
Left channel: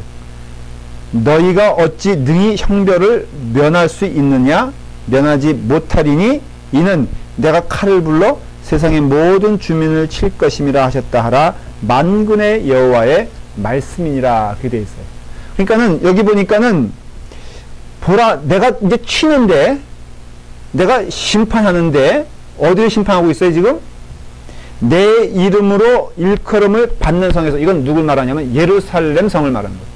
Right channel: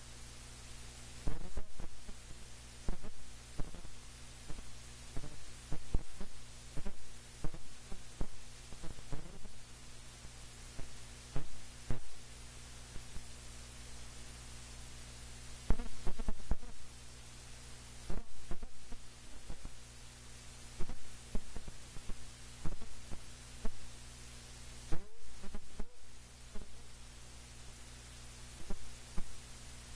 너희가 어찌 능히 형벌을 면할 수 있느냐? 면하지 못하리니 이는 내가 칼을 불러 세상의 모든 주민을 칠 것임이라 하셨다 하라. 만군의 여호와의 말씀이니라. 그게 돼 있어요. 그러니까는 여기 보니까는 보라, 내가 이제 치는데, 내가 심판하는데, 어디를 심판하고 있어요 지금? 내 이름으로 일컬음을 받는 성에서. 이건 누굴 말하냐면 예루살렘 성을 말하는 거예요.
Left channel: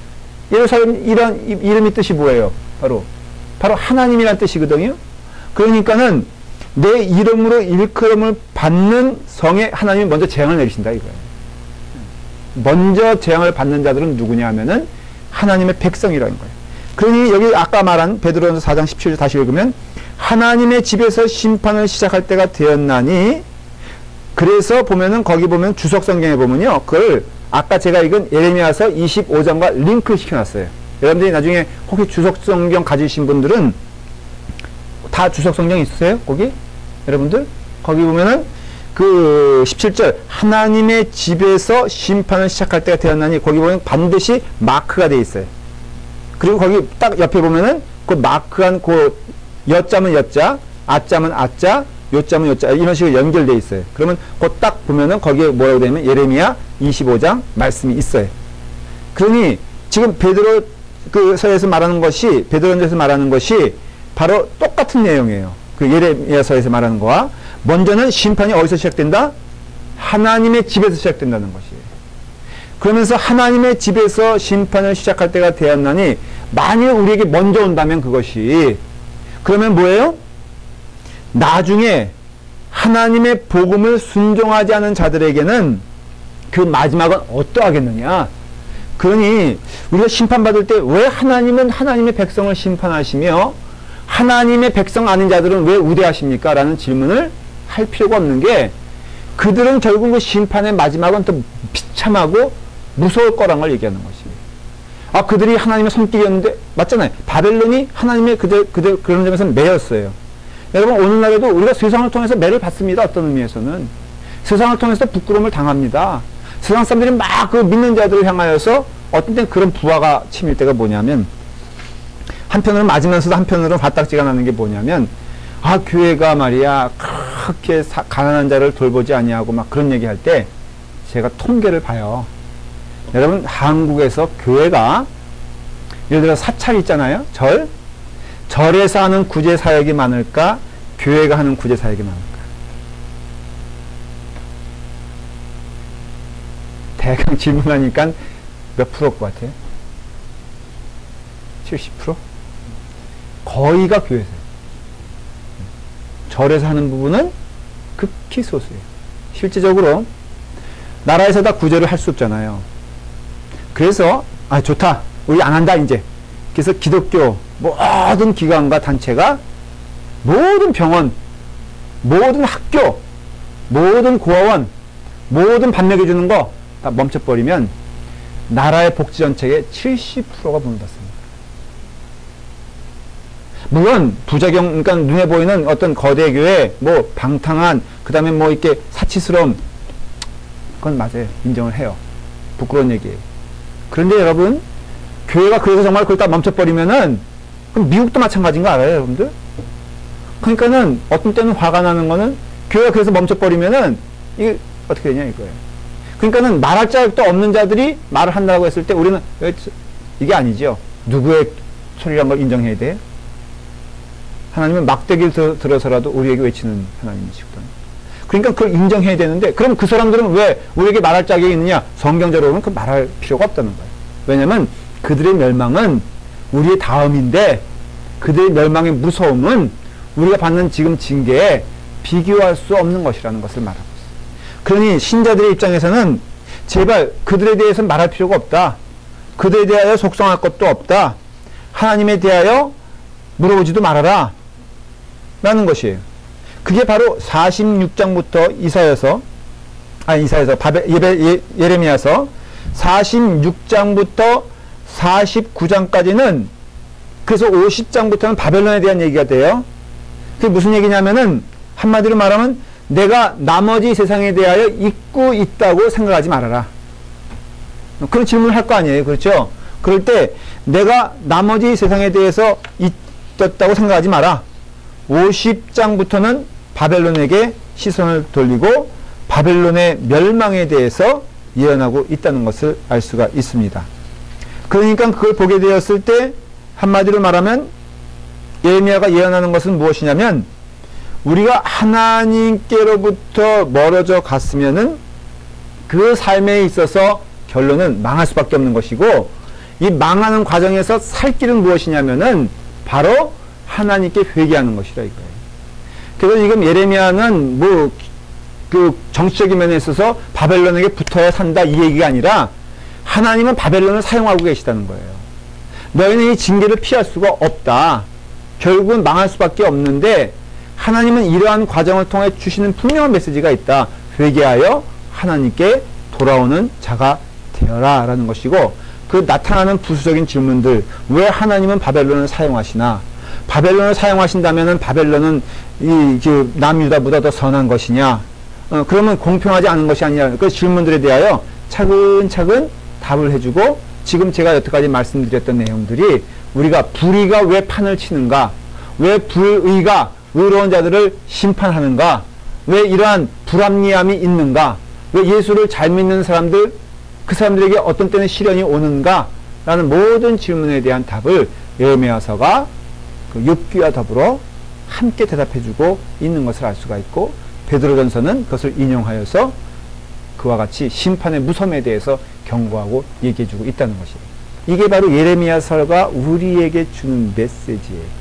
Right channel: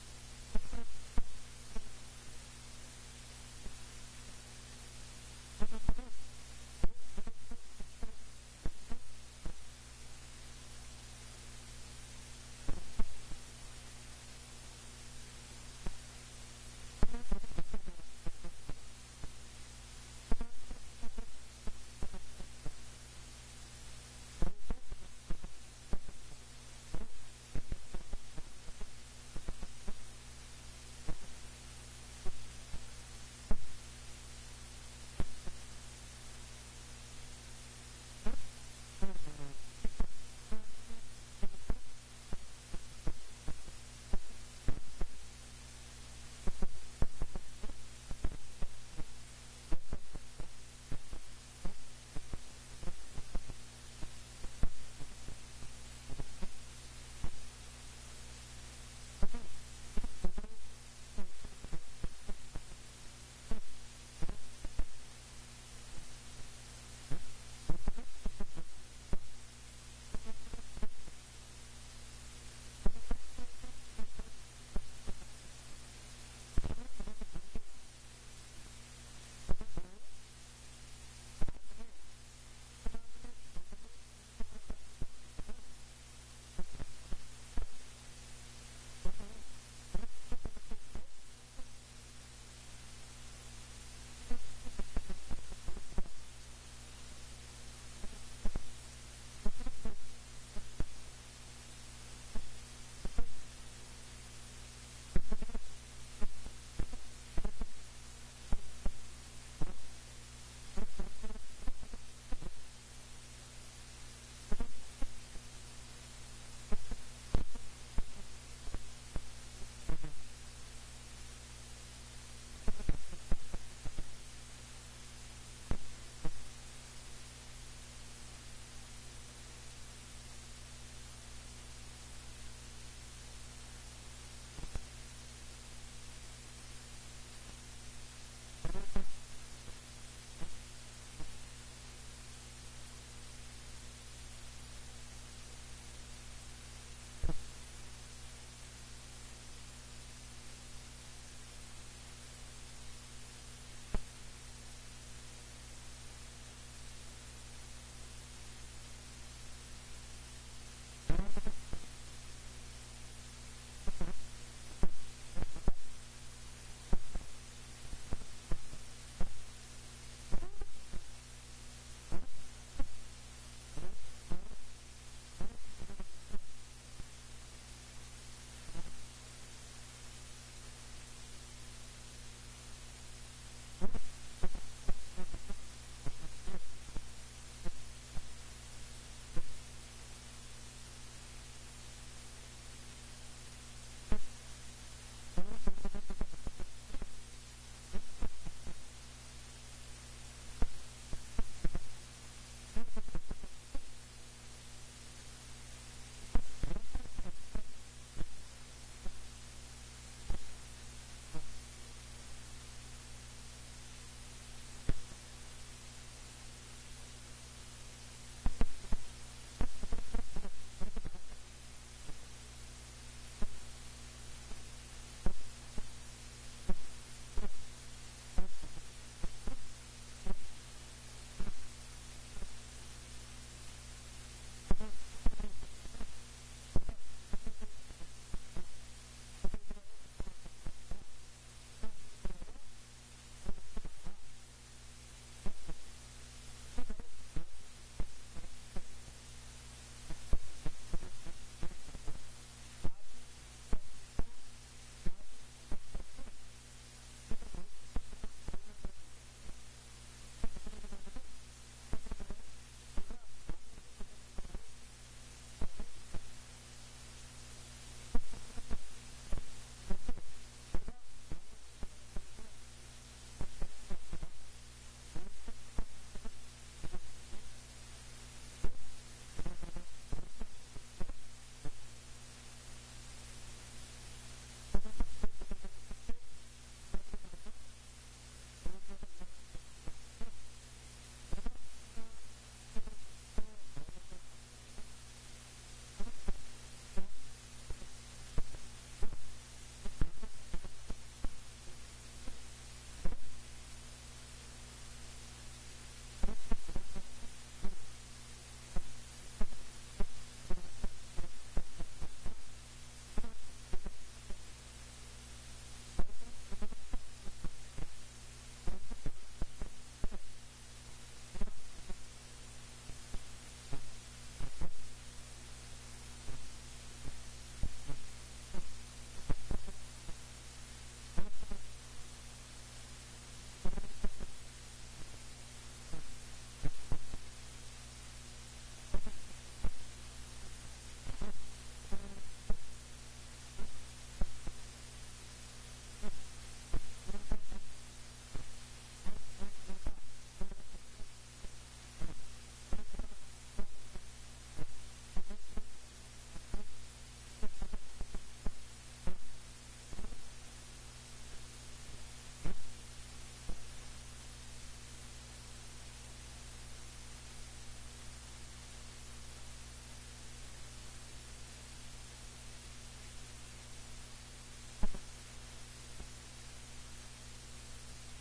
예루살렘 이런 이름이 뜻이 뭐예요? 바로 하나님이란 뜻이거든요. 그러니까는 내 이름으로 일컬음을 받는 성에 하나님이 먼저 재앙을 내리신다 이거예요. 먼저 재앙을 받는 자들은 누구냐 하면은 하나님의 백성이라는 거예요. 그러니 여기 아까 말한 베드로전서 4장 17절 다시 읽으면 하나님의 집에서 심판을 시작할 때가 되었나니, 그래서 보면은 거기 보면 주석 성경에 보면요, 그걸 아까 제가 읽은 예레미야서 25장과 링크를 시켜놨어요. 여러분들이 나중에 혹시 주석 성경 가지신 분들은 다 주석 성경 있으세요? 거기? 여러분들? 거기 보면은 그 17절 하나님의 집에서 심판을 시작할 때가 되었나니, 거기 보면 반드시 마크가 되어 있어요. 그리고 거기 딱 옆에 보면은 그 마크한 그 여자면 여자, 아자면 아자, 요자면 요자, 이런 식으로 연결되어 있어요. 그러면 그 딱 보면은 거기에 뭐라고 되냐면 예레미야 25장 말씀이 있어요. 그러니 지금 베드로 그 서에서 말하는 것이, 베드로전서에서 말하는 것이 바로 똑같은 내용이에요. 그 예레미야서에서 말하는 거와. 먼저는 심판이 어디서 시작된다? 하나님의 집에서 시작된다는 것이에요. 그러면서 하나님의 집에서 심판을 시작할 때가 되었나니, 만일 우리에게 먼저 온다면 그것이, 그러면 뭐예요? 나중에 하나님의 복음을 순종하지 않은 자들에게는 그 마지막은 어떠하겠느냐? 그러니 우리가 심판받을 때 왜 하나님은 하나님의 백성을 심판하시며 하나님의 백성 아닌 자들은 왜 우대하십니까? 라는 질문을 할 필요가 없는 게, 그들은 결국 그 심판의 마지막은 또 비참하고 무서울 거란 걸 얘기하는 것입니다. 아, 그들이 하나님의 손길이었는데, 맞잖아요. 바벨론이 하나님의 그런 점에서는 매였어요. 여러분 오늘날에도 우리가 세상을 통해서 매를 받습니다. 어떤 의미에서는 세상을 통해서 부끄러움을 당합니다. 세상 사람들이 막 그 믿는 자들을 향하여서 어떤 때는 그런 부하가 치밀 때가 뭐냐면, 한편으로는 맞으면서도 한편으로는 화딱지가 나는 게 뭐냐면, 아 교회가 말이야 그렇게 가난한 자를 돌보지 아니하고 막 그런 얘기할 때 제가 통계를 봐요. 여러분 한국에서 교회가 예를 들어 사찰 있잖아요. 절에서 하는 구제 사역이 많을까, 교회가 하는 구제 사역이 많을까? 대강 질문하니까 몇 프로일 것 같아요? 70%? 거의가 교회에서요. 절에서 하는 부분은 극히 소수예요. 실제적으로 나라에서 다 구제를 할 수 없잖아요. 그래서 아 좋다, 우리 안 한다 이제. 그래서 기독교 모든 기관과 단체가 모든 병원, 모든 학교, 모든 고아원, 모든 밥 먹여주는 거 다 멈춰버리면 나라의 복지 정책의 70%가 무너졌습니다. 물론 부작용, 그러니까 눈에 보이는 어떤 거대 교회, 뭐 방탕한, 그 다음에 뭐 이렇게 사치스러움, 그건 맞아요. 인정을 해요. 부끄러운 얘기예요. 그런데 여러분, 교회가 그래서 정말 그걸 다 멈춰버리면은, 그럼 미국도 마찬가지인 거 알아요, 여러분들? 그러니까는 어떤 때는 화가 나는 거는, 교회가 그래서 멈춰버리면은, 이게 어떻게 되냐 이거예요. 그러니까는 말할 자격도 없는 자들이 말을 한다고 했을 때 우리는 이게 아니죠. 누구의 소리란 걸 인정해야 돼요? 하나님은 막대기를 들어서라도 우리에게 외치는 하나님이시거든요. 그러니까 그걸 인정해야 되는데, 그럼 그 사람들은 왜 우리에게 말할 자격이 있느냐? 성경적으로는 그 말할 필요가 없다는 거예요. 왜냐면 그들의 멸망은 우리의 다음인데, 그들의 멸망의 무서움은 우리가 받는 지금 징계에 비교할 수 없는 것이라는 것을 말합니다. 그러니 신자들의 입장에서는 제발 그들에 대해서는 말할 필요가 없다. 그들에 대하여 속상할 것도 없다. 하나님에 대하여 물어보지도 말아라. 라는 것이에요. 그게 바로 46장부터 예레미야서 46장부터 49장까지는, 그래서 50장부터는 바벨론에 대한 얘기가 돼요. 그게 무슨 얘기냐면은, 한마디로 말하면 내가 나머지 세상에 대하여 잊고 있다고 생각하지 말아라. 그런 질문을 할 거 아니에요. 그렇죠? 그럴 때 내가 나머지 세상에 대해서 잊었다고 생각하지 마라. 50장부터는 바벨론에게 시선을 돌리고 바벨론의 멸망에 대해서 예언하고 있다는 것을 알 수가 있습니다. 그러니까 그걸 보게 되었을 때 한마디로 말하면 예레미야가 예언하는 것은 무엇이냐면, 우리가 하나님께로부터 멀어져 갔으면은 그 삶에 있어서 결론은 망할 수밖에 없는 것이고, 이 망하는 과정에서 살 길은 무엇이냐면은 바로 하나님께 회개하는 것이라 이거예요. 그래서 지금 예레미야는 뭐 그 정치적인 면에 있어서 바벨론에게 붙어야 산다 이 얘기가 아니라, 하나님은 바벨론을 사용하고 계시다는 거예요. 너희는 이 징계를 피할 수가 없다. 결국은 망할 수밖에 없는데, 하나님은 이러한 과정을 통해 주시는 분명한 메시지가 있다. 회개하여 하나님께 돌아오는 자가 되어라 라는 것이고, 그 나타나는 부수적인 질문들, 왜 하나님은 바벨론을 사용하시나? 바벨론을 사용하신다면은 바벨론은 남유다보다 더 선한 것이냐? 그러면 공평하지 않은 것이 아니냐? 그 질문들에 대하여 차근차근 답을 해주고, 지금 제가 여태까지 말씀드렸던 내용들이, 우리가 불의가 왜 판을 치는가? 왜 불의가 의로운 자들을 심판하는가? 왜 이러한 불합리함이 있는가? 왜 예수를 잘 믿는 사람들, 그 사람들에게 어떤 때는 시련이 오는가? 라는 모든 질문에 대한 답을 예레미야서가 그 욥기와 더불어 함께 대답해주고 있는 것을 알 수가 있고, 베드로전서는 그것을 인용하여서 그와 같이 심판의 무섬에 대해서 경고하고 얘기해주고 있다는 것이에요. 이게 바로 예레미야서가 우리에게 주는 메시지예요.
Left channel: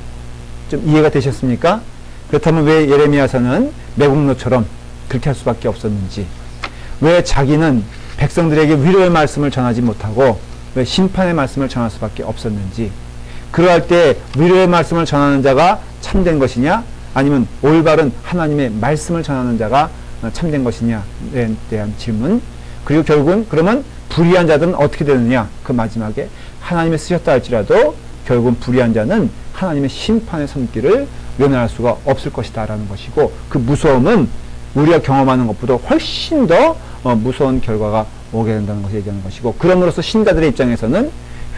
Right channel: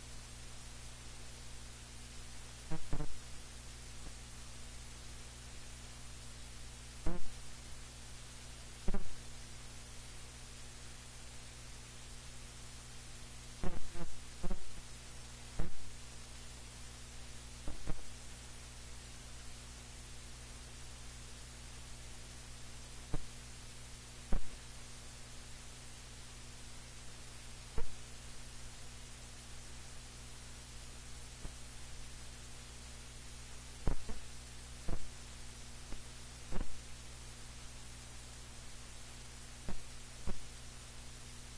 좀 이해가 되셨습니까? 그렇다면 왜 예레미야서는 매국노처럼 그렇게 할 수밖에 없었는지, 왜 자기는 백성들에게 위로의 말씀을 전하지 못하고 왜 심판의 말씀을 전할 수밖에 없었는지, 그러할 때 위로의 말씀을 전하는 자가 참된 것이냐, 아니면 올바른 하나님의 말씀을 전하는 자가 참된 것이냐에 대한 질문, 그리고 결국은 그러면 불의한 자들은 어떻게 되느냐, 그 마지막에 하나님이 쓰셨다 할지라도 결국은 불의한 자는 하나님의 심판의 손길을 면할 수가 없을 것이다 라는 것이고, 그 무서움은 우리가 경험하는 것보다 훨씬 더 무서운 결과가 오게 된다는 것을 얘기하는 것이고, 그럼으로써 신자들의 입장에서는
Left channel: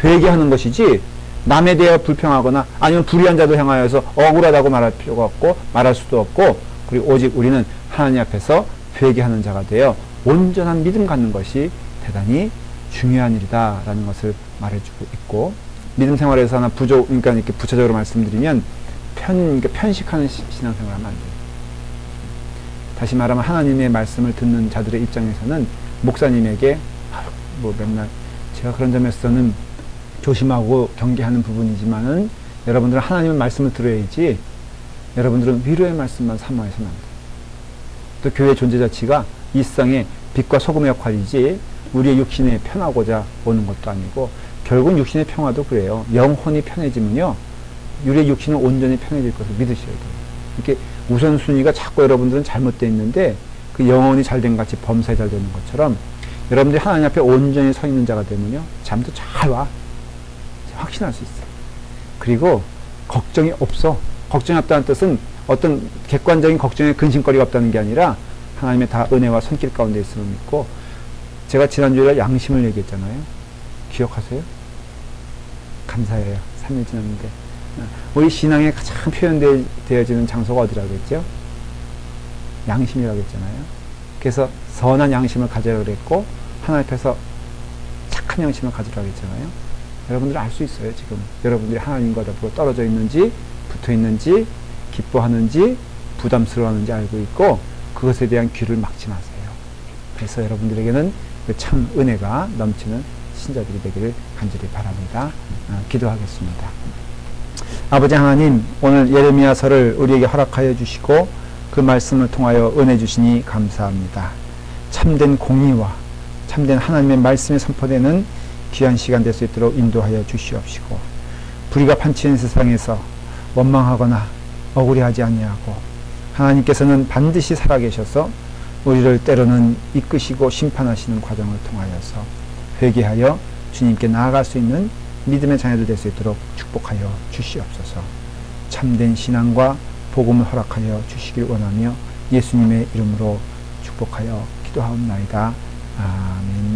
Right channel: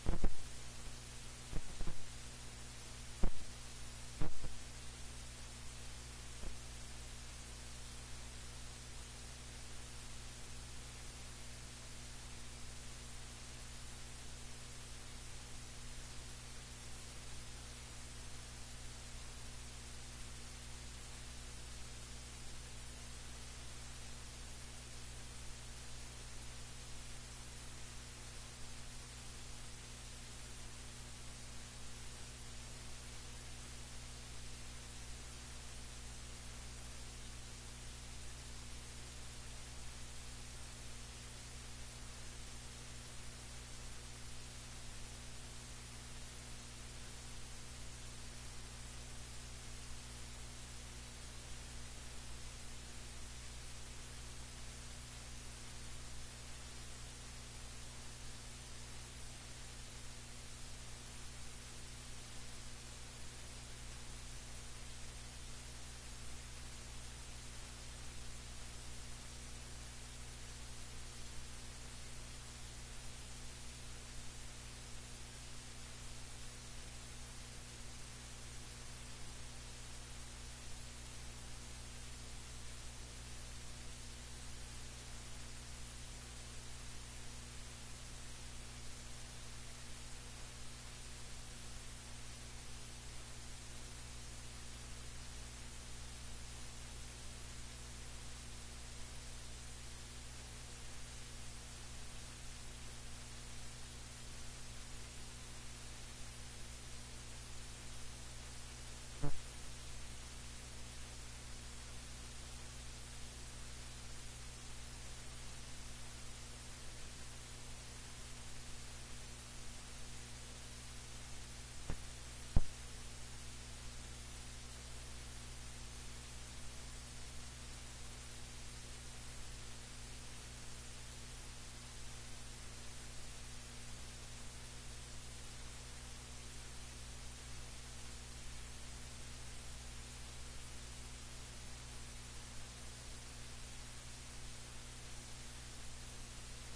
회개하는 것이지 남에 대해 불평하거나 아니면 불의한 자들 향하여서 억울하다고 말할 필요가 없고 말할 수도 없고, 그리고 오직 우리는 하나님 앞에서 회개하는 자가 되어 온전한 믿음 갖는 것이 대단히 중요한 일이다 라는 것을 말해주고 있고, 믿음 생활에서 하나 그러니까 이렇게 부차적으로 말씀드리면 그러니까 편식하는 신앙생활을 하면 안 돼요. 다시 말하면 하나님의 말씀을 듣는 자들의 입장에서는 목사님에게 뭐 맨날 제가 그런 점에서는 조심하고 경계하는 부분이지만은 여러분들은 하나님의 말씀을 들어야지, 여러분들은 위로의 말씀만 사모해서는 안 돼요. 또 교회의 존재 자체가 이 세상의 빛과 소금의 역할이지 우리의 육신에 편하고자 오는 것도 아니고, 결국 육신의 평화도 그래요. 영혼이 편해지면요 우리의 육신은 온전히 편해질 것을 믿으셔야 돼요. 이렇게 우선순위가 자꾸 여러분들은 잘못되어 있는데, 그 영혼이 잘된 같이 범사에 잘 되는 것처럼 여러분들이 하나님 앞에 온전히 서 있는 자가 되면요 잠도 잘 와. 확신할 수 있어요. 그리고 걱정이 없어. 걱정이 없다는 뜻은 어떤 객관적인 걱정에 근심거리가 없다는 게 아니라 하나님의 다 은혜와 손길 가운데 있음을 믿고, 제가 지난주에 양심을 얘기했잖아요. 기억하세요? 감사해요. 3일 지났는데. 우리 신앙에 가장 표현되어지는 장소가 어디라고 했죠? 양심이라고 했잖아요. 그래서 선한 양심을 가지라고 그랬고, 하나님 앞에서 착한 양심을 가지라고 했잖아요. 여러분들 알 수 있어요. 지금 여러분들이 하나님과 더불어 떨어져 있는지 붙어 있는지 기뻐하는지 부담스러워하는지 알고 있고, 그것에 대한 귀를 막지 마세요. 그래서 여러분들에게는 그 참 은혜가 넘치는 신자들이 되기를 간절히 바랍니다. 기도하겠습니다. 아버지 하나님, 오늘 예레미야서를 우리에게 허락하여 주시고 그 말씀을 통하여 은혜 주시니 감사합니다. 참된 공의와 참된 하나님의 말씀이 선포되는 귀한 시간 될 수 있도록 인도하여 주시옵시고, 불의가 판치는 세상에서 원망하거나 억울해하지 아니하고, 하나님께서는 반드시 살아계셔서 우리를 때로는 이끄시고 심판하시는 과정을 통하여서 회개하여 주님께 나아갈 수 있는 믿음의 자녀들 될 수 있도록 축복하여 주시옵소서. 참된 신앙과 복음을 허락하여 주시길 원하며 예수님의 이름으로 축복하여 기도하옵나이다. 아멘.